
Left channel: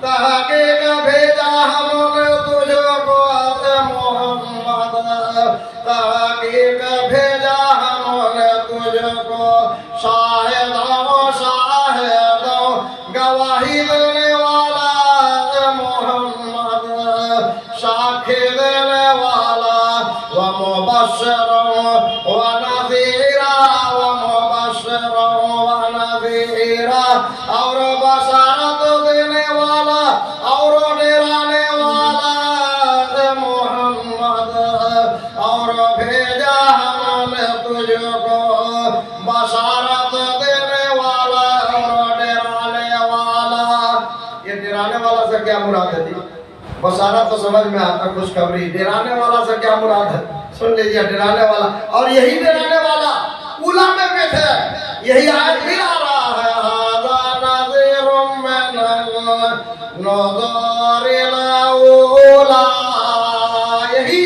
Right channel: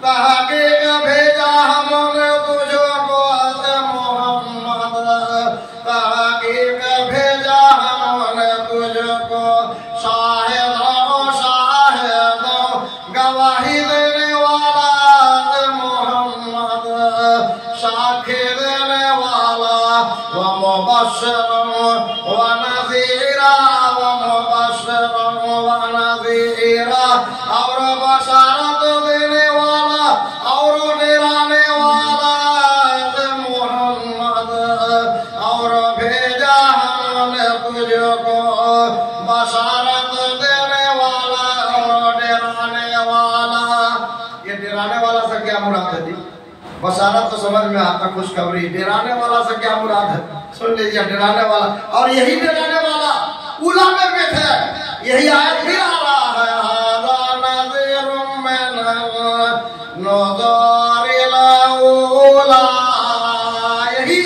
तहकीक भेजा हमने तुझको मोहम्मद, तहकीक भेजा हमने तुझको शाहिद गवाही देने वाला मोहम्मद, साक्षी देने वाला व मुबश्शिर व नज़ीरा व मुबश्शिर व नज़ीरा। बशारत तो समझ में आता, खुशखबरी। डराने वाला से क्या मुराद है? सुन लीजिए, डराने वाला। और यही डराने वाला उला में बैठे, यही आयत भी आ रहा है,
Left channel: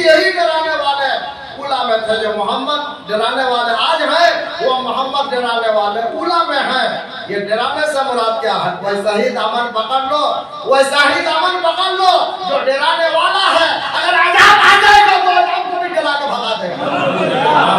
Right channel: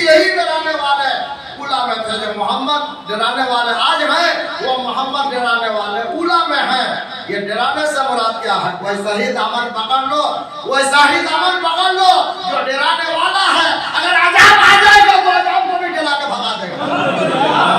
यही डराने वाले उला में थे। जो मोहम्मद डराने वाले आज हैं, वो मोहम्मद डराने वाले उला में हैं। ये डराने से मुराद क्या है? वैसा ही दामन पकड़ लो, वैसा ही दामन पकड़ लो जो डराने वाला है। अगर अजाब आ जाएगा तो अजाब को भी डरा के भगा देगा।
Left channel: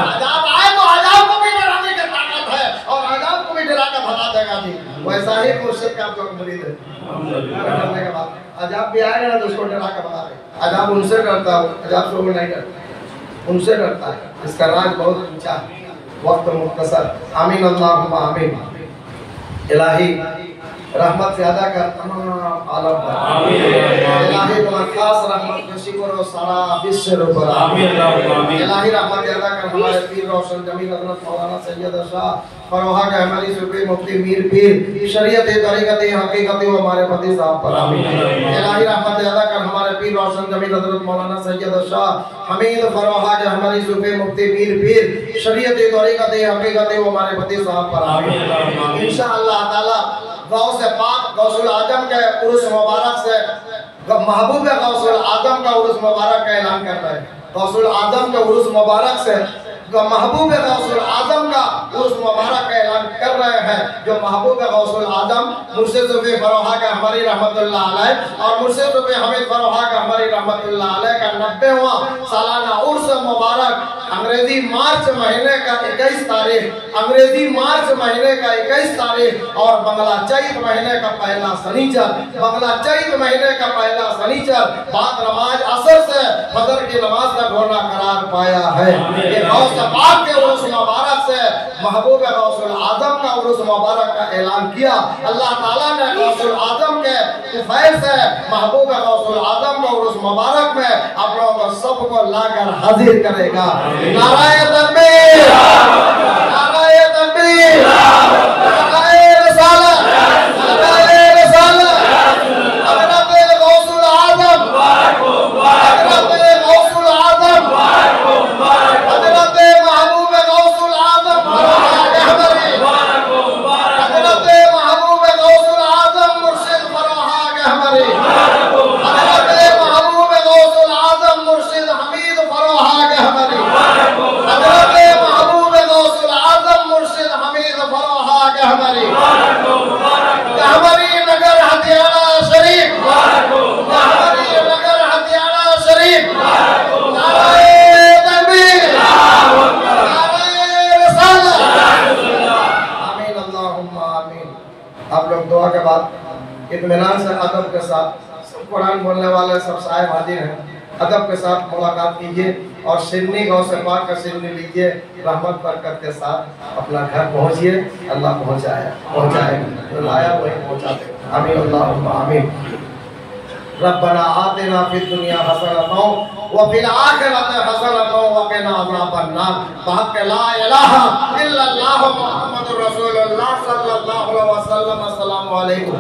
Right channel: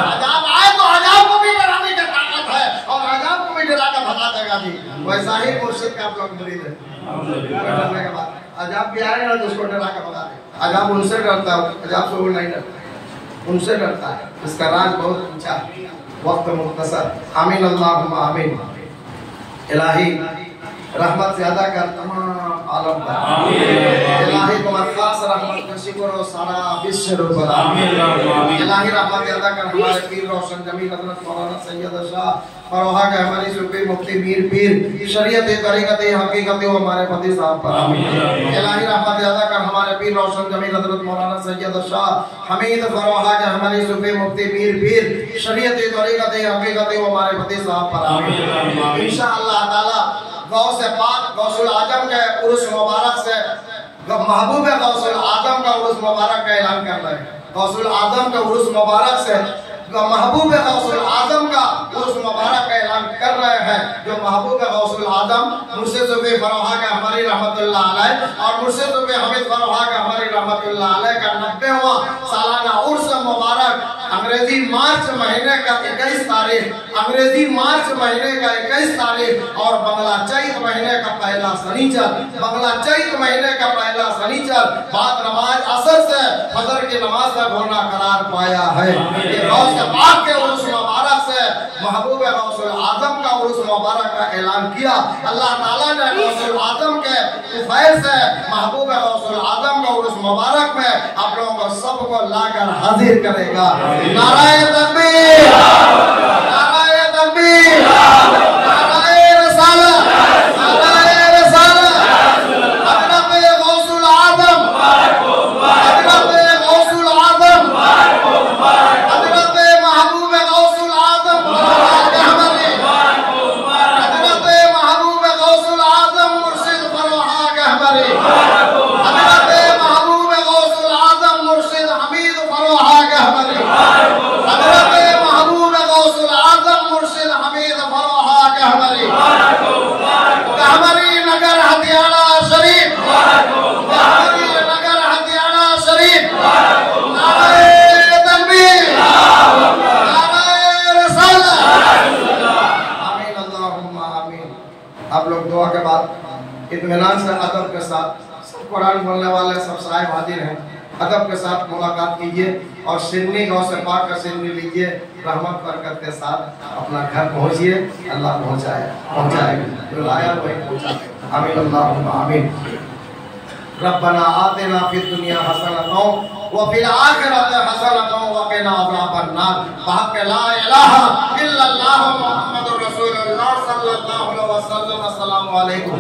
अजाब आए तो अजाब को भी डराने की ताकत है, और अजाब को भी डरा के भगा देगा जी। वैसा ही मुर्शिद का जो मुरीद है, डरने के बाद अजाब भी आएगा ना तो उसको डरा के भगा देगा। अजाब उनसे डरता है, अजाब से वो नहीं डरता, उनसे डरता है। इसका राज बहुत ऊंचा है। वक्त मुख्तसर। आमीन अल्लाहुम्मा आमीन। इलाही रहमत ज्यादा कर तमाम आलम पर। इलाही तुम्हारी खास रहमत का शुक्र और सारा विश्व पर। इलाही रहमत ज्यादा कर हमारे पीर रोशन जमीन हजरत मौलाना सैयद शाह फरोहा के हमारी सूफी मुफ्ती मीर पीर शरीयत तरीक़त हकीकत व हमारे फती साहब पर। इलाही रहमत ज्यादा कर हमारे पीर रोशन जमीन हजरत मौलाना सैयद शाह हमीद फरोहा के हमारी सूफी मुफ्ती मीर पीर शरीयत तरीक़त हकीकत व हमारे फती साहब पर। इंशाअल्लाह ताला गौ से पाक गौसुल आजम के उर्स मुबारक से महबूब गौसुल आजम का उर्स मुबारक का ऐलान करता है। गौसुल आजम के उर्स मुबारक से महबूब गौसुल आजम का उर्स मुबारक का ऐलान कर रहे हैं। जो महबूब गौसुल आजम मुर्शिद सूफी फरोहा के हमारी रहमतुल्लाह अलैह और मुर्शिद सूफी हमीद फरोहा के हमारी रहमतुल्लाह अलैह का 90वां सालाना उर्स मुबारक अंग्रेजी मार्च महीने का 21 तारीख, अंग्रेजी मार्च महीने का 21 तारीख और बंगला चैत महीने का पहला शनिचर, बंगला चैत महीने का पहला शनिचर बाद नमाज असर से फजर की नमाज तक होना करार पाया है। ये गौस पाक के उर्स मुबारक से महबूब गौसुल आजम का उर्स मुबारक का ऐलान किया। अल्लाह ताला ने गौसुल आजम के फैज़ से महबूब गौसुल आजम का उर्स मुबारक में आप लोगों को सबको लाकर हाजिर करेगा। नाराए तकबीर, नाराए तकबीर, नाराए रिसालत, नाराए रिसालत। हज़रत गौसुल आजम, हज़रत गौसुल आजम, हज़रत महबूब गौसुल आजम, हज़रत महबूब गौसुल आजम मुर्शिद फरोहा के हमारे, हज़रत महबूब गौसुल आजम मुर्शिद हमीद फरोहा के हमारे, हज़रत महबूब गौसुल आजम मुर्शिद हमीद फरोहा के हमारे, हमारी नगर हथियारा शरीफ, हमारी नगर हथियारा शरीफ। नाराए तकबीर, नाराए रिसालत। आमीन अल्लाहुम्मा आमीन। आप लोग दुआ के बाद इत्मीनान से अदब के साथ सब कुरान बोलने वाले सब साहिब हाजिर हैं, अदब के साथ मुलाकात कीजिए और सिन्नी गौ से पाक का सिन्नी लीजिए। रहमत बरकत के साथ अपना घर पहुंचिए। अल्लाह पहुंचाएगा, बुलाया वही पहुंचाते। आमीन अल्लाहुम्मा आमीन। रब्बना आतिना फिद दुनिया हसनतन व फिल आखिरति हसनतन व क़िना अज़ाबन्नार। बहक़ ला इलाहा इल्लल्लाह मुहम्मदुर रसूलुल्लाह सल्लल्लाहु अलैहि वसल्लम। अस्सलामु अलैकुम।